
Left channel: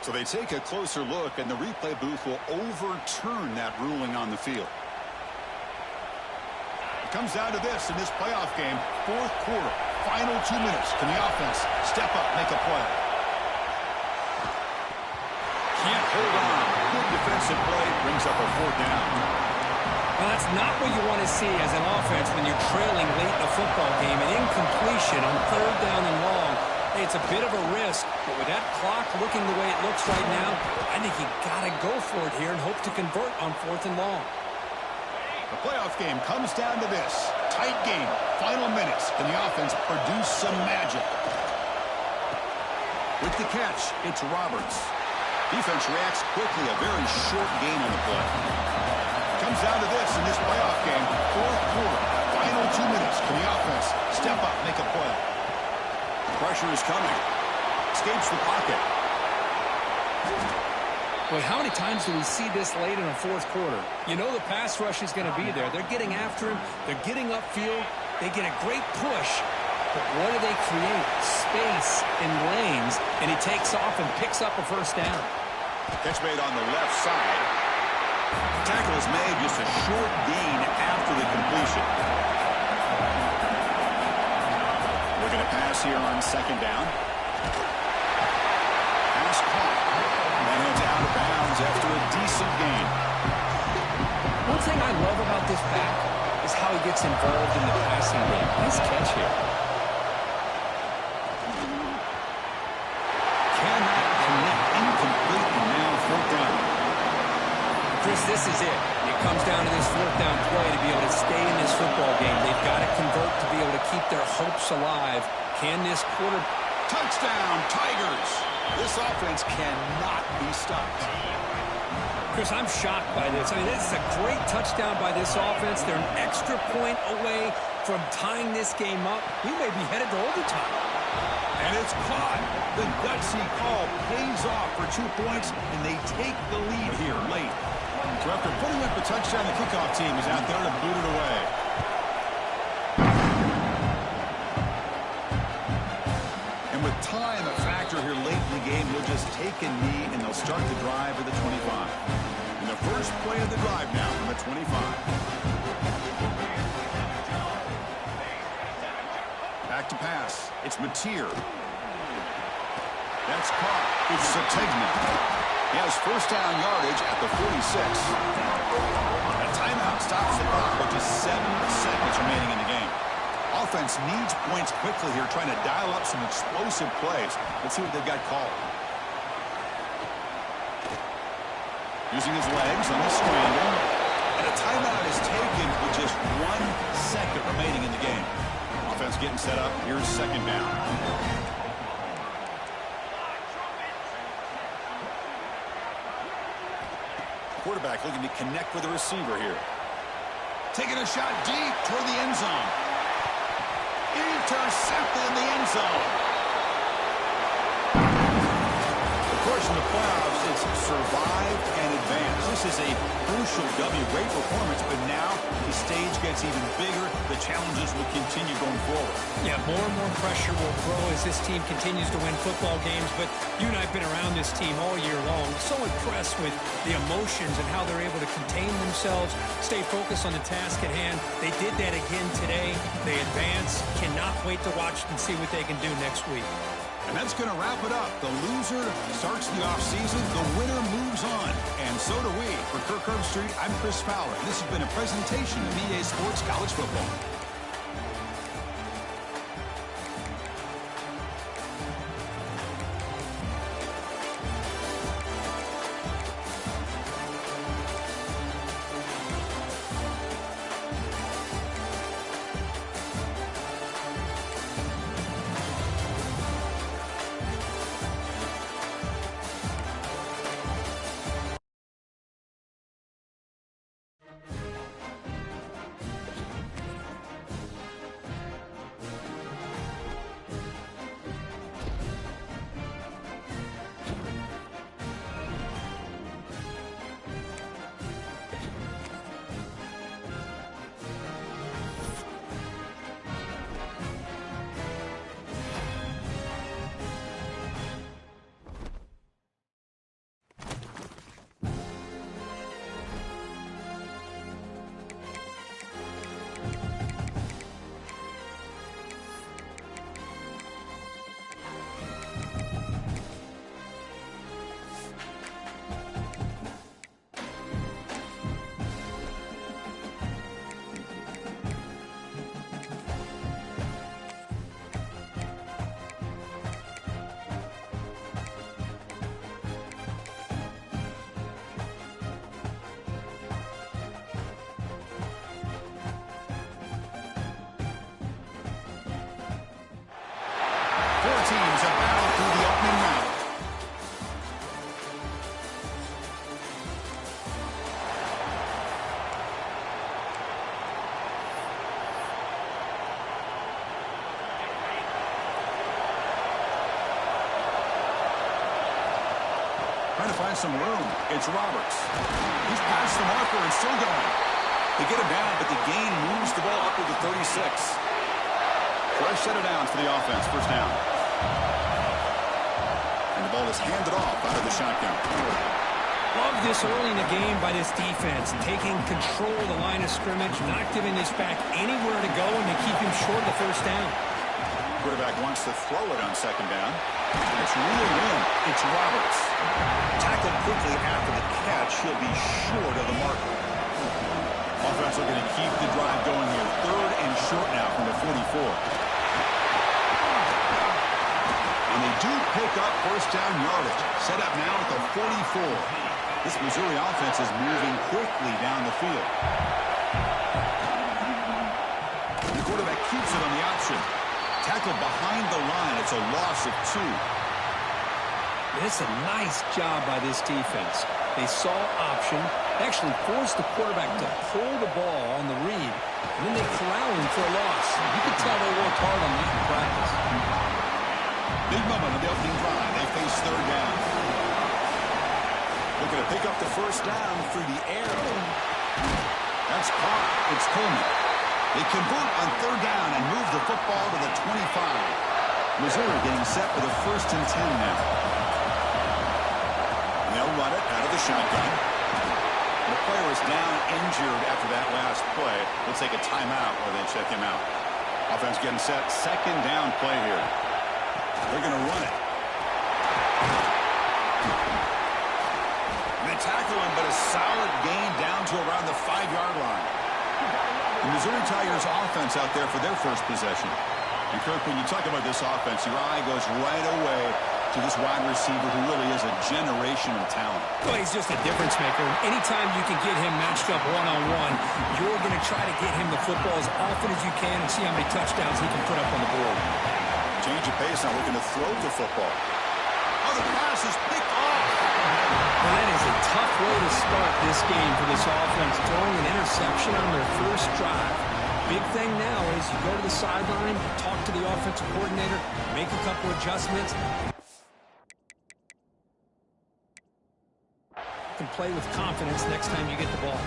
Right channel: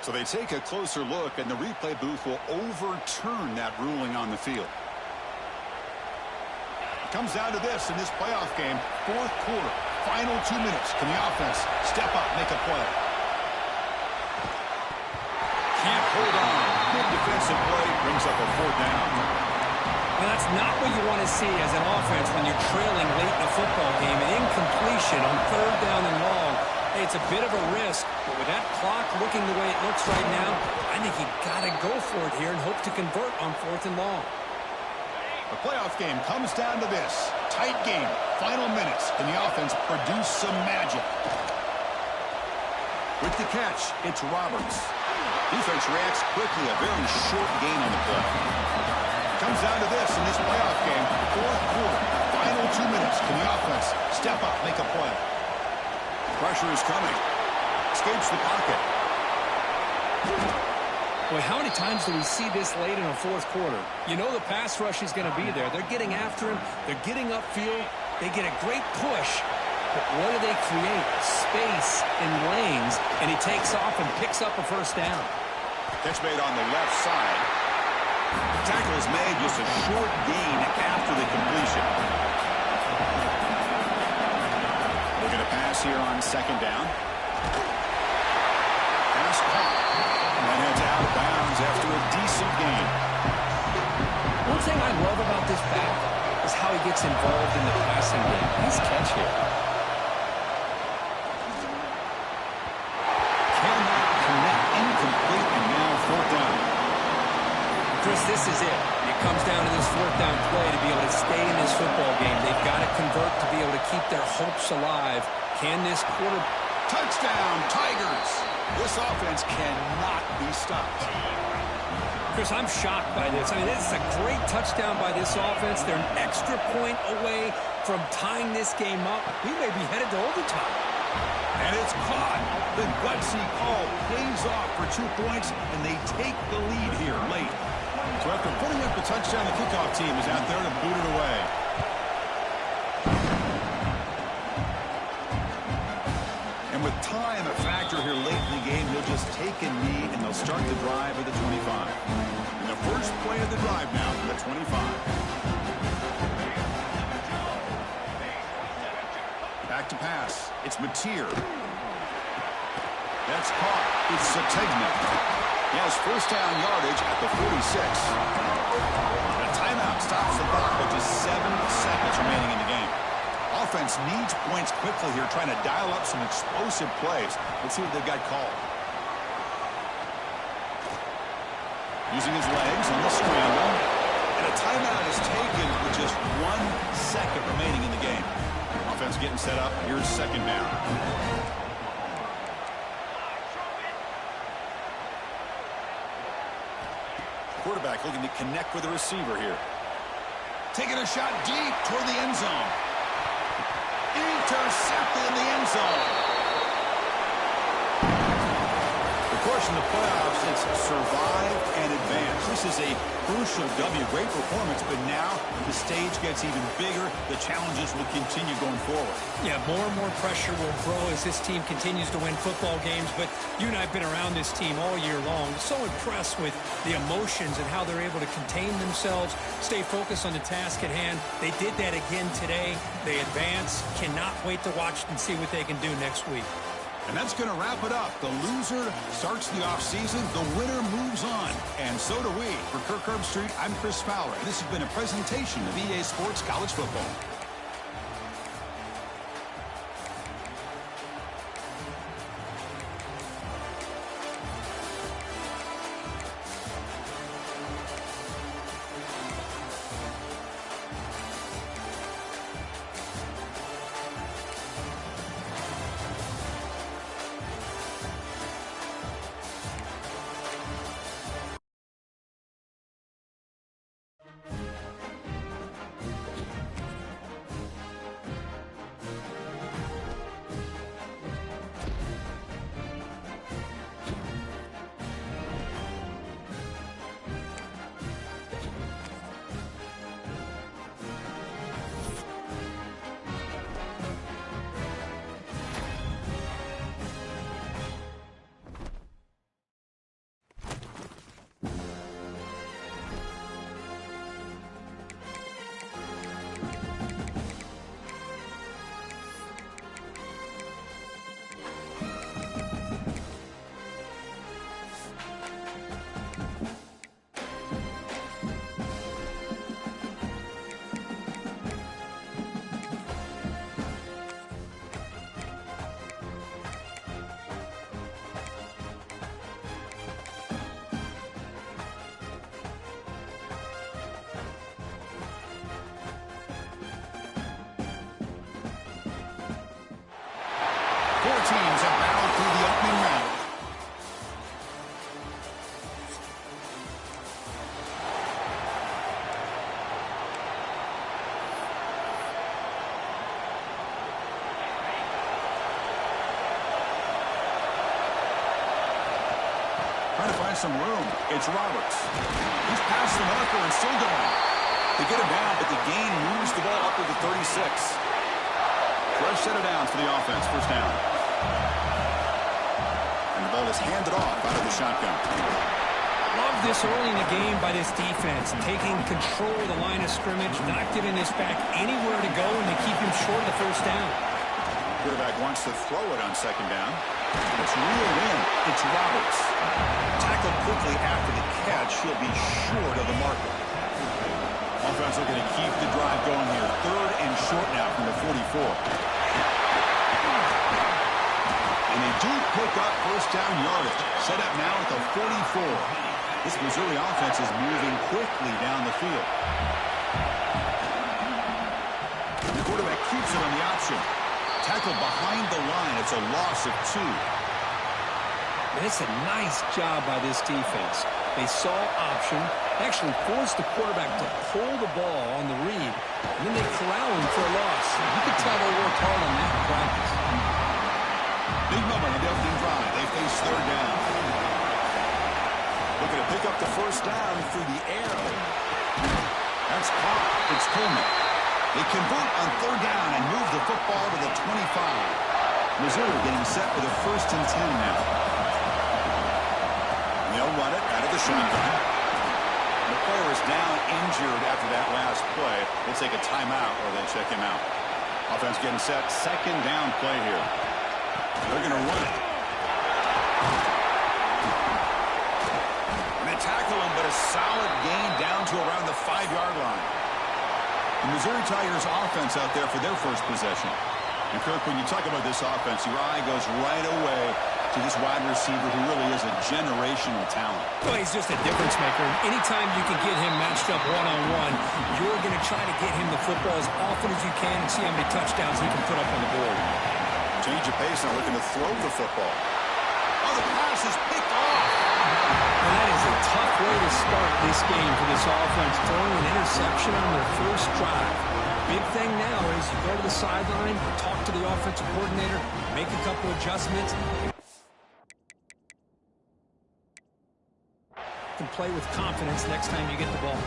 So they take a closer look, and the replay booth will overturn that ruling on the field. It comes down to this in this playoff game. 4th quarter, final 2 minutes. Can the offense step up, make a play? Can't hold on. Good defensive play brings up a 4th down. Well, that's not what you want to see as an offense when you're trailing late in a football game. An incompletion on 3rd down and long Hey, it's a bit of a risk, but with that clock looking the way it looks right now, I think you got to go for it here and hope to convert on 4th and long. The playoff game comes down to this. Tight game, final minutes. Can the offense produce some magic? With the catch, it's Roberts. Defense reacts quickly, a very short gain on the play. Comes down to this in this playoff game, 4th quarter, final 2 minutes. Can the offense step up, make a play? Pressure is coming. Escapes the pocket. Boy, how many times do we see this late in a 4th quarter? You know the pass rush is going to be there. They're getting after him. They're getting upfield. They get a great push. But what do they create? Space in lanes. And he takes off and picks up a 1st down. Catch made on the left side. Tackle is made, just a short gain after the completion. Looking to pass here on 2nd down. Pass caught. And heads out of bounds after a decent gain. One thing I love about this back is how he gets involved in the passing game. Nice catch here. Cannot connect. Incomplete, and now 4th down. Chris, this is it. It comes down to this 4th down play to be able to stay in this football game. They've got to convert to be able to keep their hopes alive. Can this quarter... Touchdown, Tigers! This offense cannot be stopped. Chris, I'm shocked by this. I mean, this is a great touchdown by this offense. They're an extra point away from tying this game up. We may be headed to overtime. And it's caught. The gutsy call pays off for 2 points, and they take the lead here late. So after putting up the touchdown, the kickoff team is out there to boot it away. And with time a factor here late in the game, you'll just take a knee, and they'll start the drive at the 25. And the first play of the drive now from the 25. Back to pass. It's Mateer. That's caught. It's Sategna. He has 1st down yardage at the 46. A timeout stops the clock with just 7 seconds remaining in the game. Offense needs points quickly here, trying to dial up some explosive plays. Let's see what they've got called. Using his legs on the scramble. And a timeout is taken with just 1 second remaining in the game. Offense getting set up. Here's 2nd down. Quarterback looking to connect with the receiver here. Taking a shot deep toward the end zone. Intercepted in the end zone. Of course, in the playoffs, it's survive and advance. This is a crucial W. Great performance, but now the stage gets even bigger. The challenges will continue going forward. Yeah, more and more pressure will grow as this team continues to win football games, but you and I have been around this team all year long. So impressed with the emotions and how they're able to contain themselves, stay focused on the task at hand. They did that again today. They advance. Cannot wait to watch and see what they can do next week. And that's going to wrap it up. The loser starts the offseason. The winner moves on. And so do we. For Kirk Herbstreit, I'm Chris Fowler. This has been a presentation of EA Sports College Football. Four teams have battled through the opening round. Trying to find some room. It's Roberts. He's past the marker and still going. They get him down, but the gain moves the ball up to the 36. Fresh set of downs for the offense. First down. And the ball is handed off out of the shotgun. Love this early in the game by this defense. Taking control of the line of scrimmage, not giving this back anywhere to go, and they keep him short of the first down. Quarterback wants to throw it on second down. It's reeled in. It's Roberts. Tackled quickly after the catch. He'll be short of the marker. Offense looking to keep the drive going here. Third and short now from the 44. And they do pick up first down yardage. Set up now at the 44. This Missouri offense is moving quickly down the field. The quarterback keeps it on the option. Tackled behind the line. It's a loss of 2. It's a nice job by this defense. They saw option, actually forced the quarterback to pull the ball on the read, and then they corral him for a loss. You could tell they worked hard on that in practice. Big moment on the opening drive. They face third down. Looking to pick up the first down through the air. That's caught. It's Coleman. They convert on third down and move the football to the 25. Missouri getting set for the 1st and 10 now. And they'll run it out of the shotgun. The player is down injured after that last play. We'll take a timeout or they check him out. Offense getting set. Second down play here. They're going to run it. And they tackle him, but a solid gain down to around the 5-yard line. The Missouri Tigers offense out there for their first possession. And Kirk, when you talk about this offense, your eye goes right away to this wide receiver who really is a generational talent. Well, he's just a difference maker. Anytime you can get him matched up one-on-one, you're going to try to get him the football as often as you can and see how many touchdowns he can put up on the board. Change of pace now, looking to throw the football. Oh, the pass is picked off. Well, that is a tough way to start this game for this offense, throwing an interception on their first drive. Big thing now is you go to the sideline, talk to the offensive coordinator, make a couple adjustments. You can play with confidence next time you get the ball.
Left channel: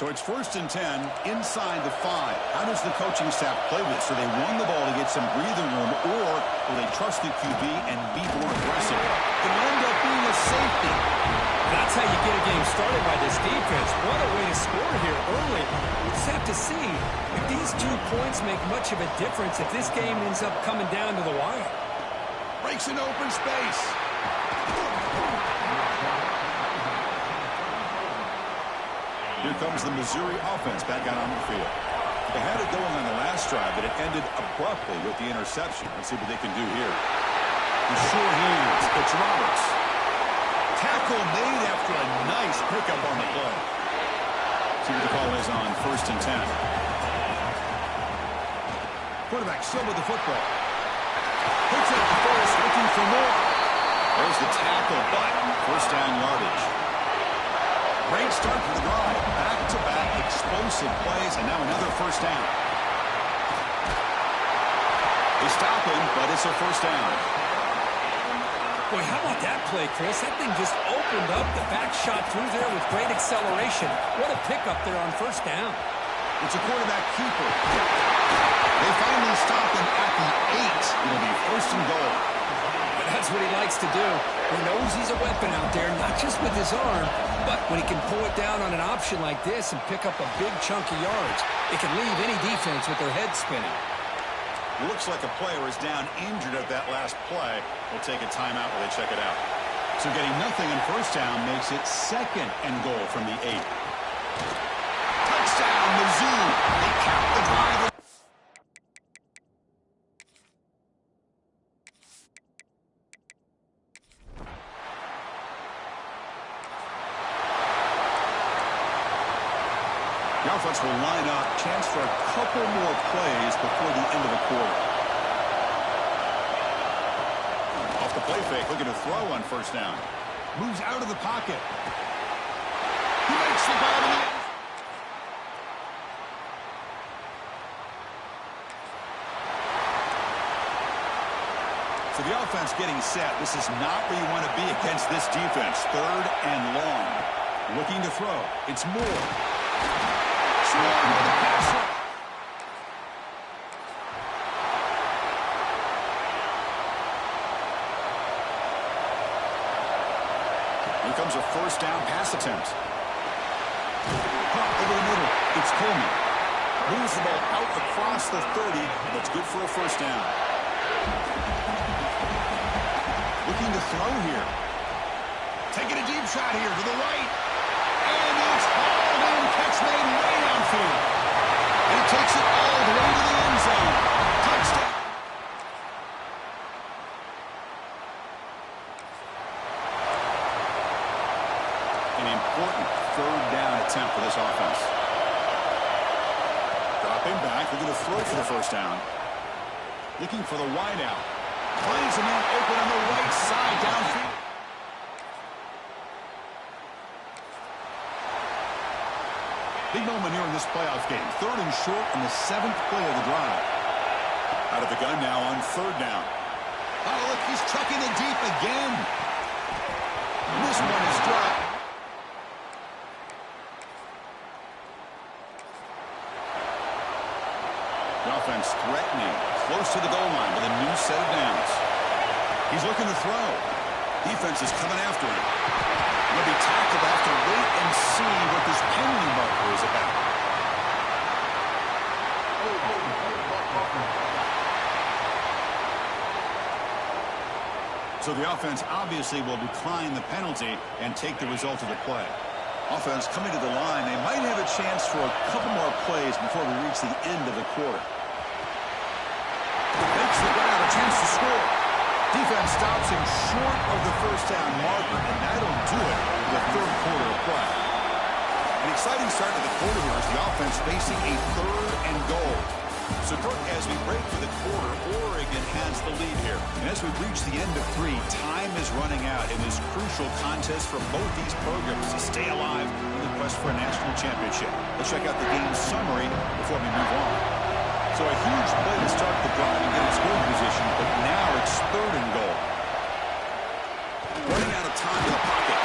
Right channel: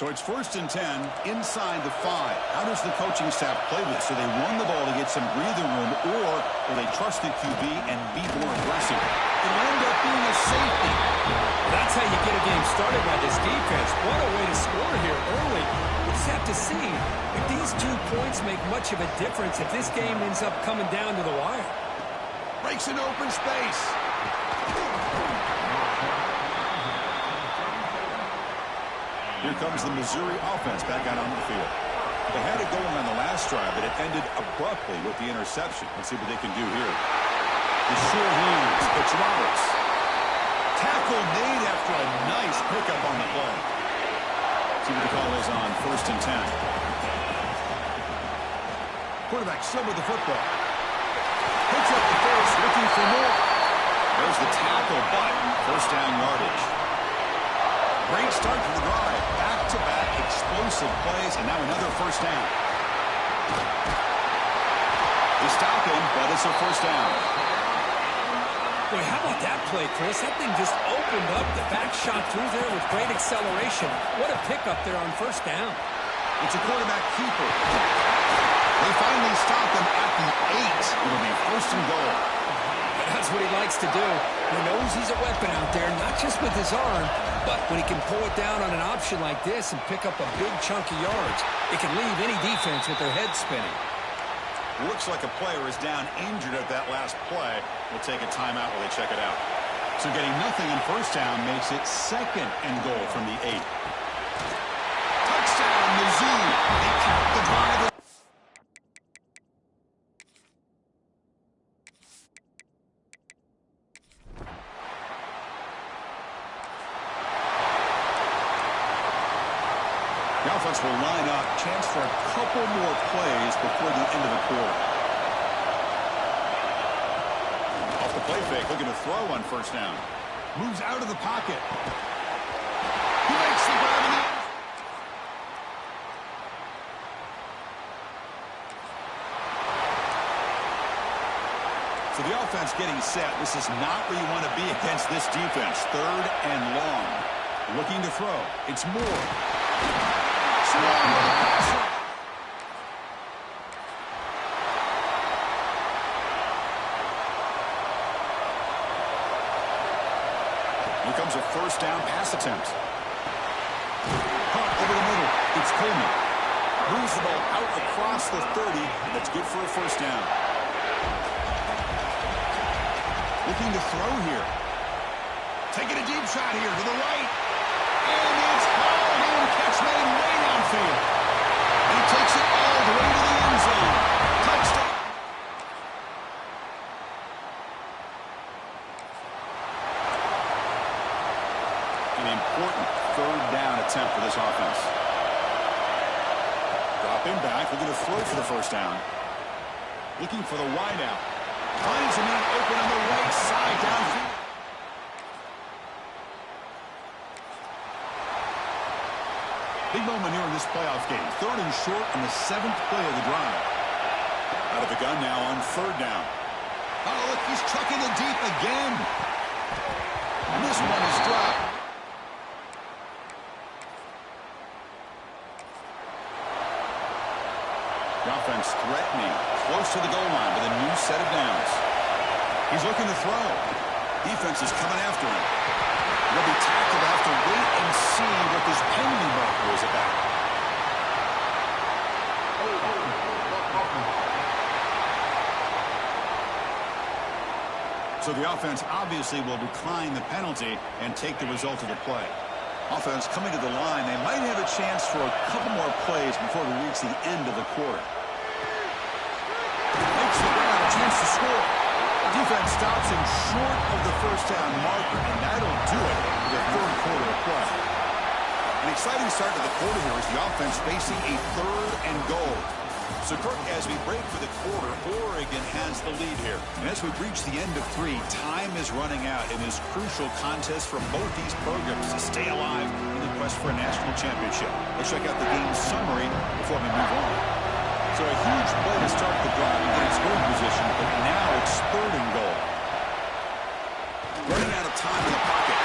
So it's 1st and 10 inside the 5. How does the coaching staff play this? Do they run the ball to get some breathing room, or will they trust the QB and be more aggressive? It'll end up being a safety. That's how you get a game started by this defense. What a way to score here early. We'll just have to see if these 2 points make much of a difference if this game ends up coming down to the wire. Breaks an open space. Here comes the Missouri offense back out on the field. They had it going on the last drive, but it ended abruptly with the interception. Let's see what they can do here. The short hands. It's Roberts. Tackle made after a nice pickup on the play. See what the call is on 1st and 10. Quarterback still with the football. Picks up the first, looking for more. There's the tackle, but first down yardage. Great start to the drive. Back-to-back explosive plays, and now another first down. They stop him, but it's a first down. Boy, how about that play, Chris? That thing just opened up. The back shot through there with great acceleration. What a pickup there on first down. It's a quarterback keeper. They finally stop him at the 8. It'll be 1st and goal. But that's what he likes to do. He knows he's a weapon out there, not just with his arm, but when he can pull it down on an option like this and pick up a big chunk of yards, it can leave any defense with their head spinning. Looks like a player is down injured at that last play. We'll take a timeout while they check it out. So getting nothing on first down makes it 2nd and goal from the 8. Touchdown, Mizzou. They The offense will line up. Chance for a couple more plays before the end of the quarter. Off the play fake, looking to throw on first down. Moves out of the pocket. He makes the grab in the end. So the offense getting set. This is not where you want to be against this defense. Third and long. Looking to throw. It's Moore. Swarm with the pass rush. Here comes a first down pass attempt. Caught over the middle. It's Coleman. Moves the ball out across the 30, and that's good for a first down. Looking to throw here. Taking a deep shot here to the right. And it's hauled in. Catch made way downfield. And he takes it all the way to the end zone. Touchdown. An important third down attempt for this offense. Dropping back, looking to throw for the first down. Looking for the wide out. Finds a man open on the right side downfield. Big moment here in this playoff game. Third and short on the 7th play of the drive. Out of the gun now on third down. Oh, look, he's chucking it deep again. And this one is dropped. The offense threatening, close to the goal line with a new set of downs. He's looking to throw. Defense is coming after him. He'll be tackled. Have to wait and see what this penalty marker is about. So the offense obviously will decline the penalty and take the result of the play. Offense coming to the line. They might have a chance for a couple more plays before we reach the end of the quarter. Makes the ground, a chance to score. Defense stops him short of the first down marker, and that'll do it for the third quarter of play. An exciting start to the quarter here as the offense facing a third and goal. So, Kirk, as we break for the quarter, Oregon has the lead here. And as we reach the end of 3, time is running out in this crucial contest for both these programs to stay alive in the quest for a national championship. Let's check out the game summary before we move on. So a huge play to start the drive and get in scoring position, but now it's third and goal. Running out of time in the pocket.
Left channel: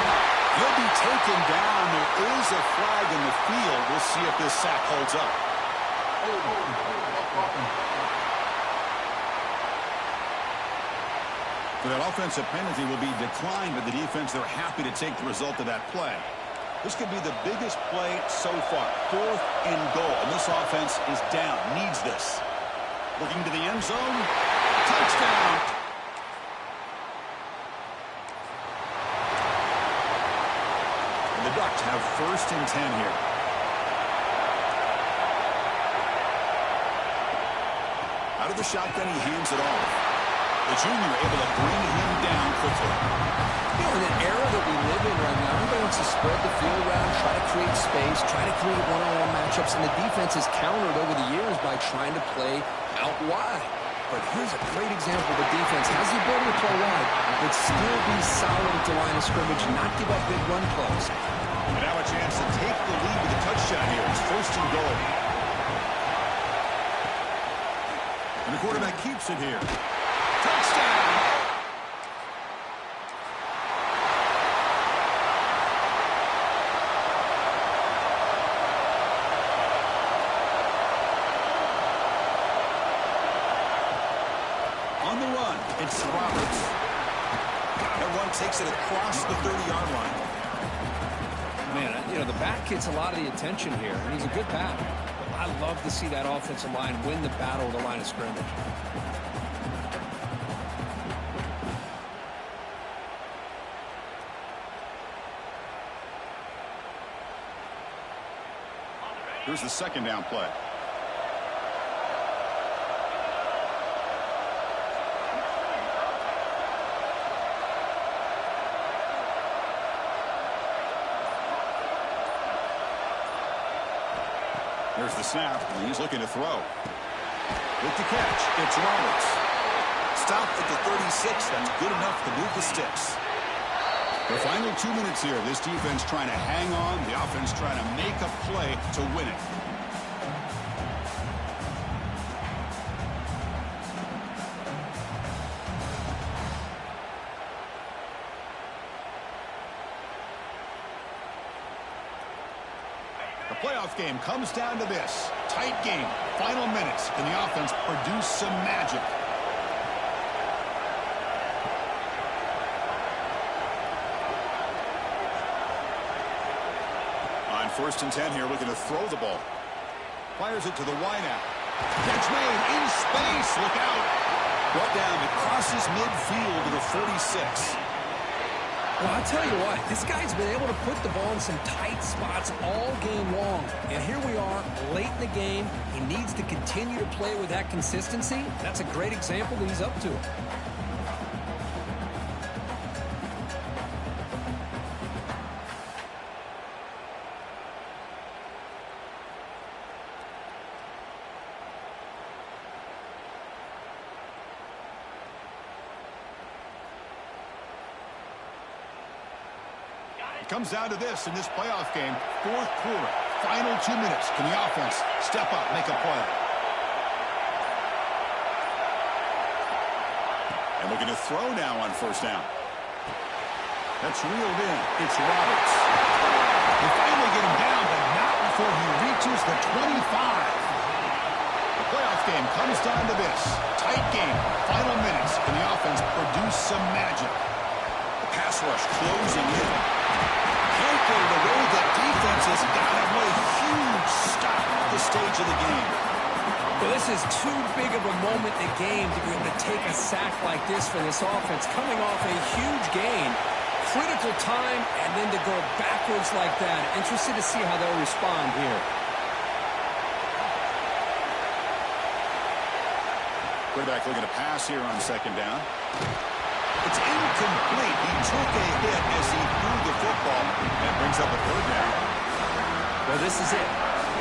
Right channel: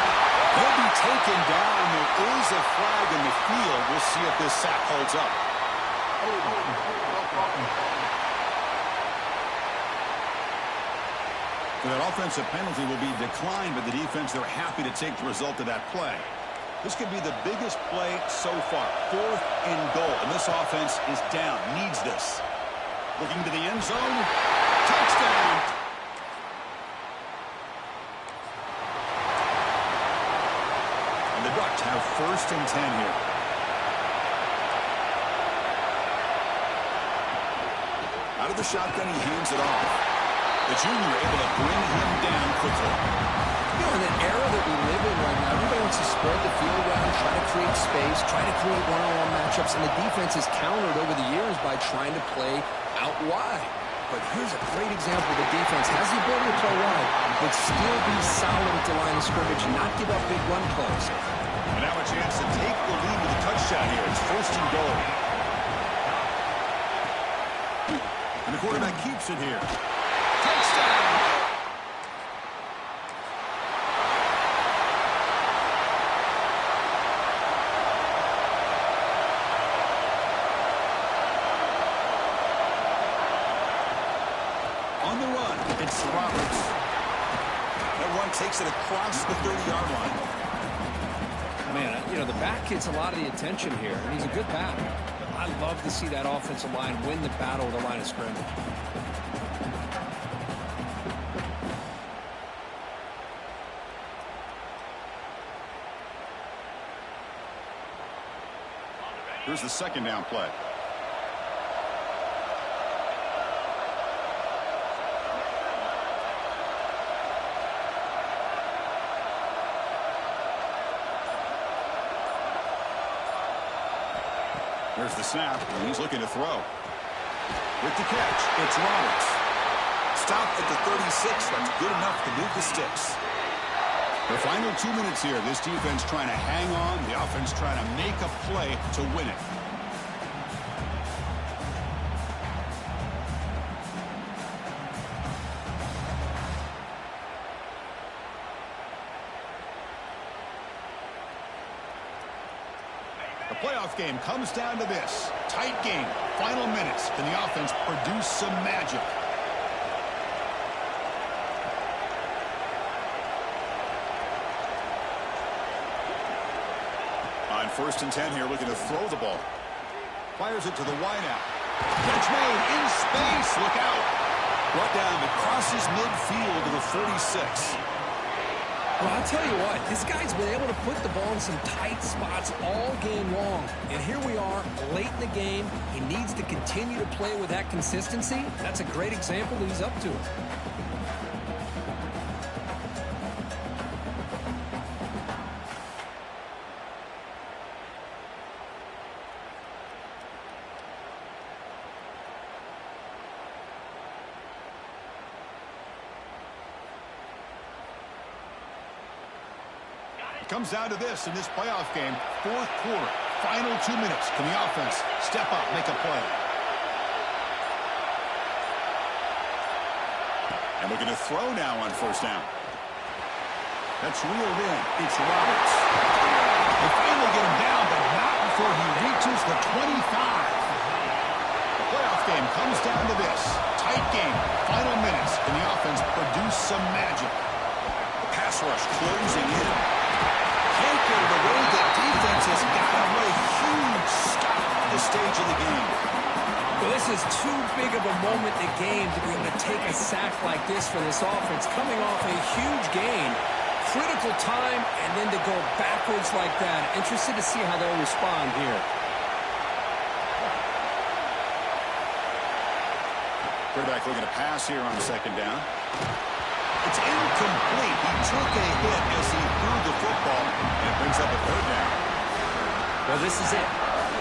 He'll be taken down. There is a flag in the field. We'll see if this sack holds up. So that offensive penalty will be declined by the defense. They're happy to take the result of that play. This could be the biggest play so far. 4th and goal. And this offense is down. Needs this. Looking to the end zone. Touchdown. And the Ducks have 1st and 10 here. Out of the shotgun, he hands it off. The junior able to bring him down quickly. You know, in an era that we live in right now, everybody wants to spread the field around, try to create space, try to create one-on-one matchups, and the defense has countered over the years by trying to play out wide. But here's a great example. The defense has the ability to play wide, but still be solid at the line of scrimmage, not give up big run plays. And now a chance to take the lead with a touchdown here. It's 1st and goal. And the quarterback keeps it here. Touchdown! On the run, it's Roberts. That run takes it across the 30-yard line. Man, you know, the back gets a lot of the attention here, and he's a good back. I love to see that offensive line win the battle at the line of scrimmage. Here's the 2nd down play. Here's the snap, and he's looking to throw. With the catch, it's Roberts. Stopped at the 36. That's good enough to move the sticks. The final 2 minutes here. This defense trying to hang on. The offense trying to make a play to win it. The playoff game comes down to this. Tight game. Final minutes. Can the offense produce some magic? On 1st and 10 here, looking to throw the ball. Fires it to the wideout. Catch made in space. Look out. Brought down. It crosses midfield to the 46. Well, I'll tell you what, this guy's been able to put the ball in some tight spots all game long. And here we are, late in the game. He needs to continue to play with that consistency. That's a great example that he's up to it. It comes down to this in this playoff game. 4th quarter, final 2 minutes. Can the offense step up, make a play? And looking to throw now on 1st down. That's reeled in. It's Roberts. They finally get him down, but not before he reaches the 25. The playoff game comes down to this. Tight game, final minutes. Can the offense produce some magic? The pass rush closing in. Can't get it away. That defense has got him. What a huge stop at this stage of the game. Well, this is too big of a moment in the game to be able to take a sack like this for this offense. Coming off a huge gain, critical time, and then to go backwards like that. Interested to see how they'll respond here. Quarterback looking to pass here on 2nd down. It's incomplete. He took a hit as he threw the football, and it brings up a 3rd down. Well, this is it.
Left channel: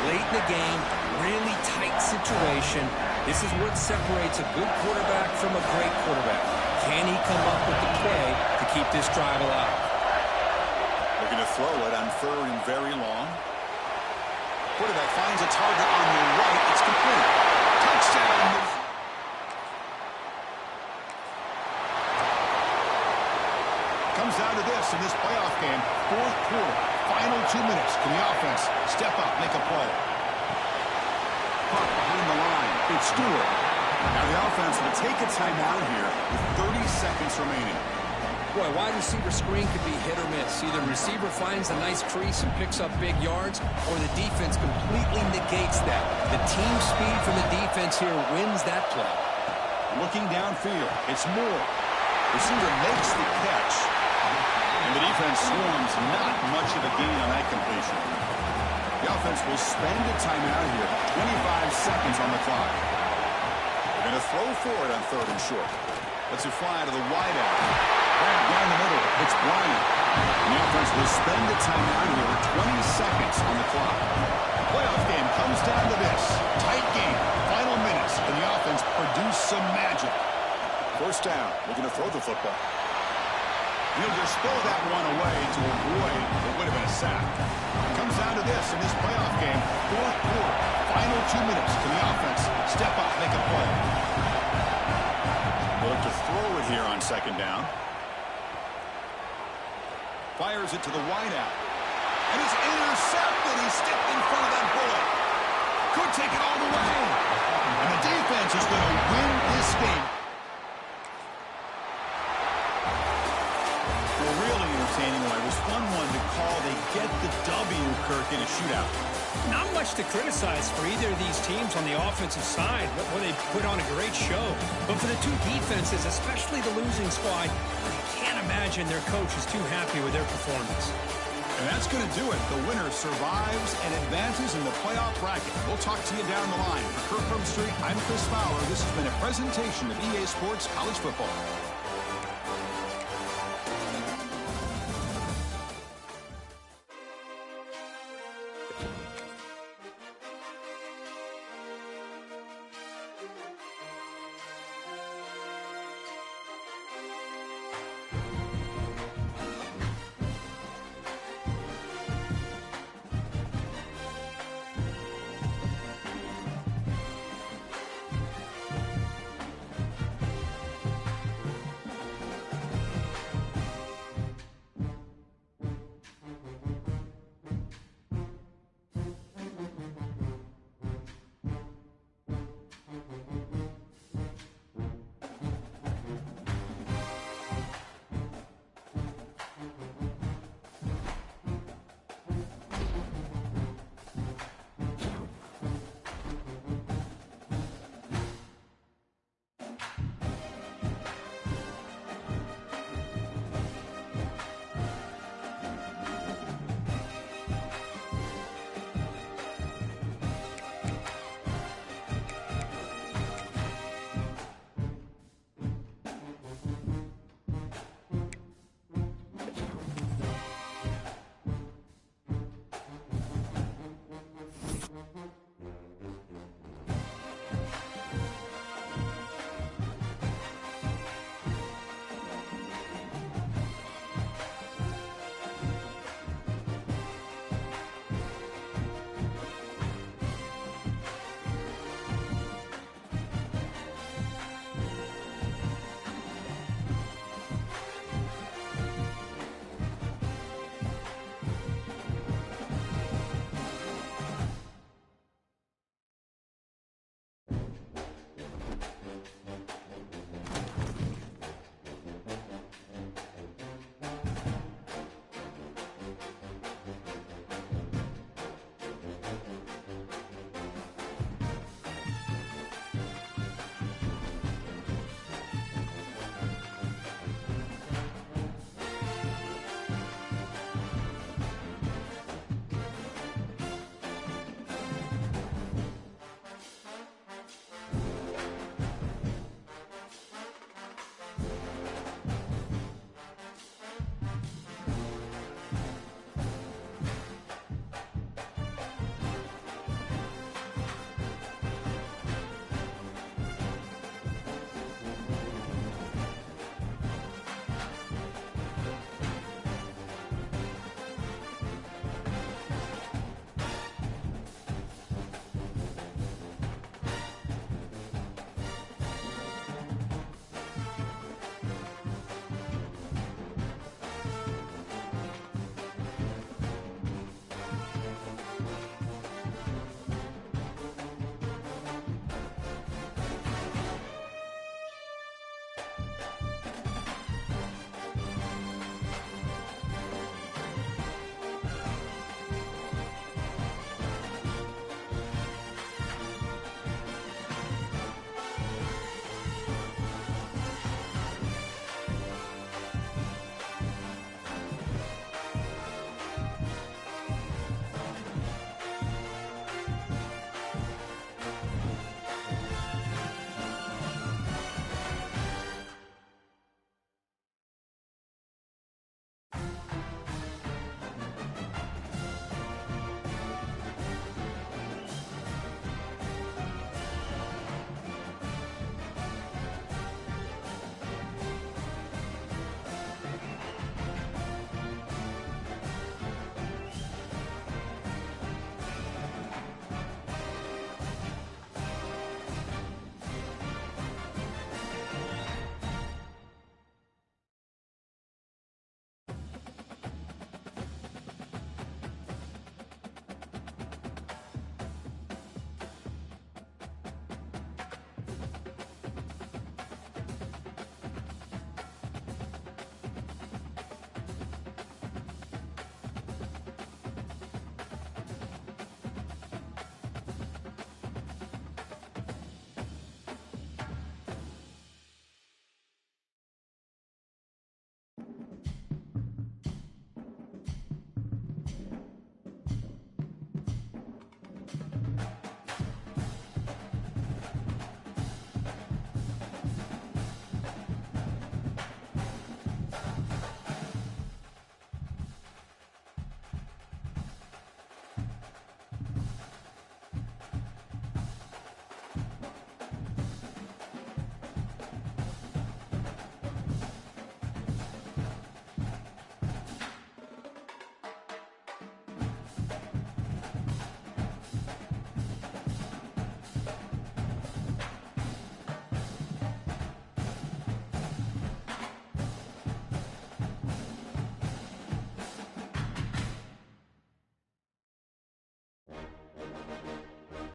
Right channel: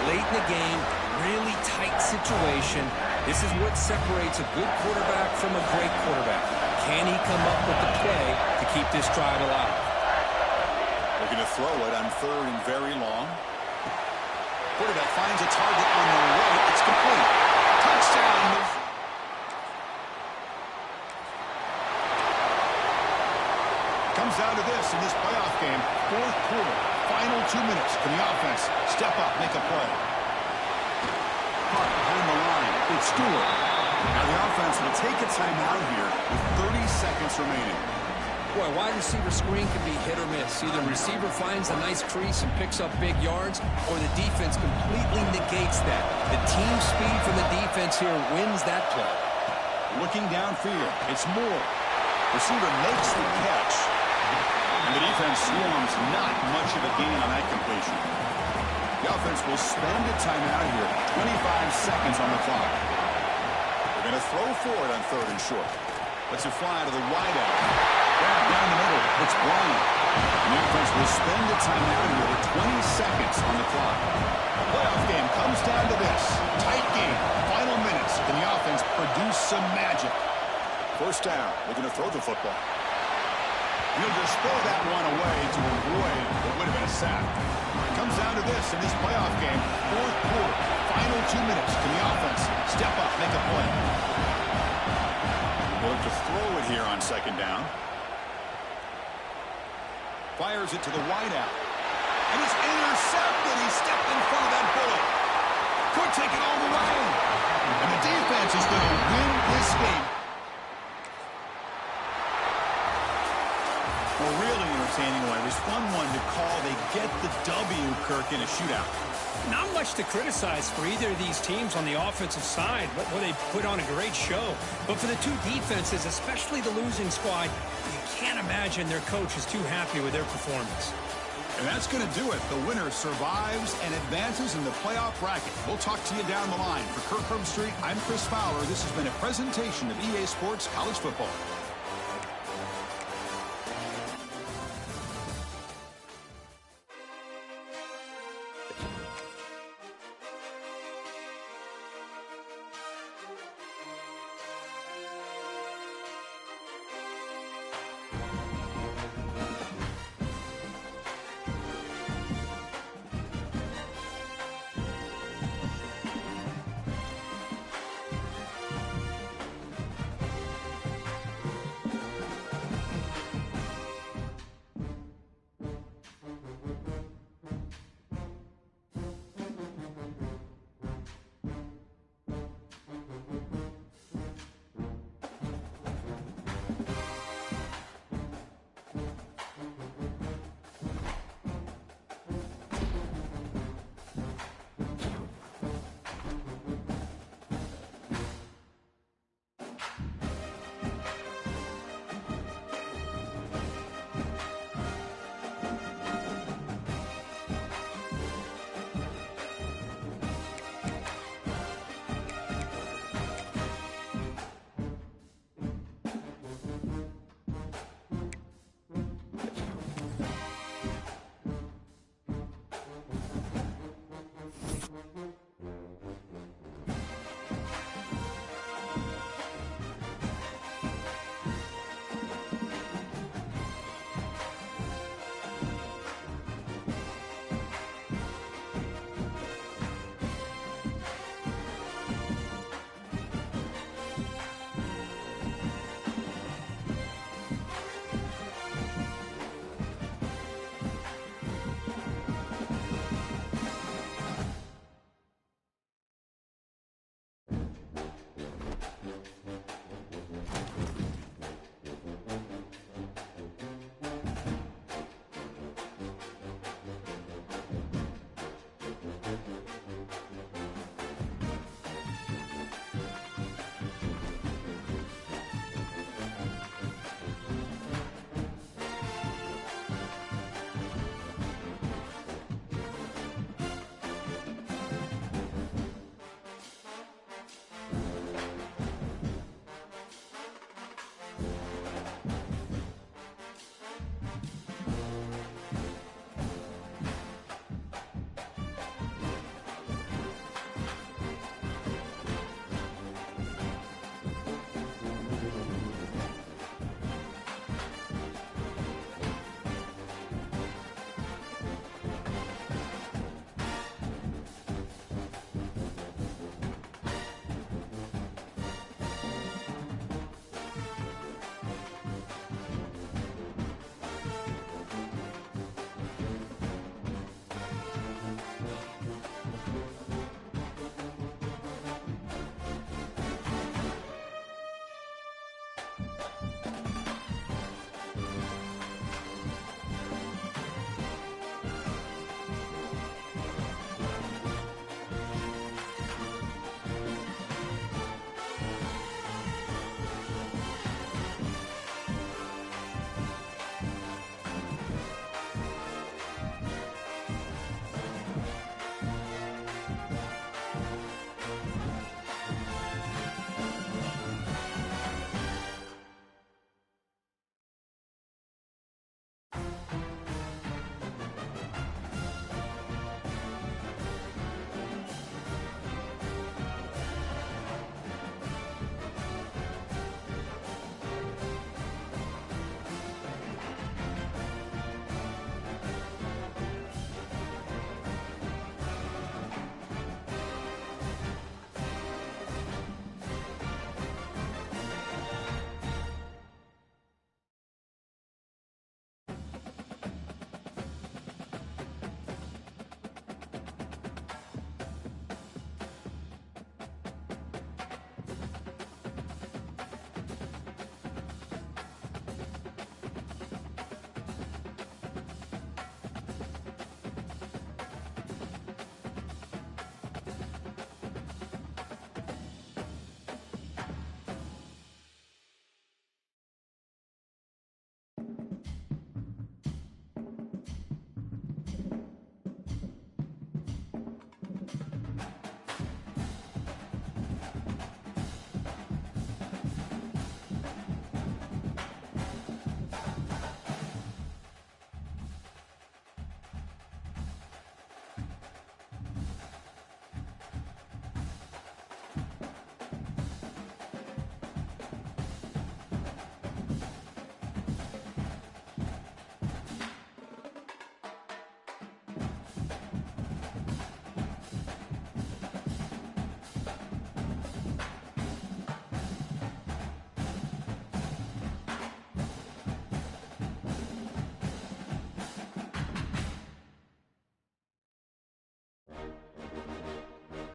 Late in the game, really tight situation. This is what separates a good quarterback from a great quarterback. Can he come up with the play to keep this drive alive? Looking to throw it on 3rd and very long. Quarterback finds a target on the right. It's complete. Touchdown. Comes down to this in this playoff game. 4th quarter, final 2 minutes. Can the offense step up, make a play? Caught behind the line. It's Stewart. Now the offense will take a timeout here with 30 seconds remaining. Boy, wide receiver screen can be hit or miss. Either receiver finds a nice crease and picks up big yards, or the defense completely negates that. The team speed from the defense here wins that play. Looking downfield, it's Moore. Receiver makes the catch. And the defense swarms, not much of a gain on that completion. The offense will spend a timeout here. 25 seconds on the clock. They're going to throw for it on 3rd and short. Lets it fly to the wideout. Grab down the middle. It's Bryant. And the offense will spend a timeout here with 20 seconds on the clock. The playoff game comes down to this. Tight game. Final minutes. Can the offense produce some magic? 1st down. Looking to throw the football. He'll just throw that one away to avoid what would have been a sack. It comes down to this in this playoff game. 4th quarter, final 2 minutes. Can the offense step up, make a play? They'll look to throw it here on 2nd down. Fires it to the wideout. And it's intercepted. He stepped in front of that bullet. Could take it all the way. And the defense is going to win this game. A really entertaining one. It was fun one to call. They get the W, Kirk, in a shootout. Not much to criticize for either of these teams on the offensive side, where they put on a great show. But for the two defenses, especially the losing squad, you can't imagine their coach is too happy with their performance. And that's going to do it. The winner survives and advances in the playoff bracket. We'll talk to you down the line. For Kirk Herbstreit, I'm Chris Fowler. This has been a presentation of EA Sports College Football.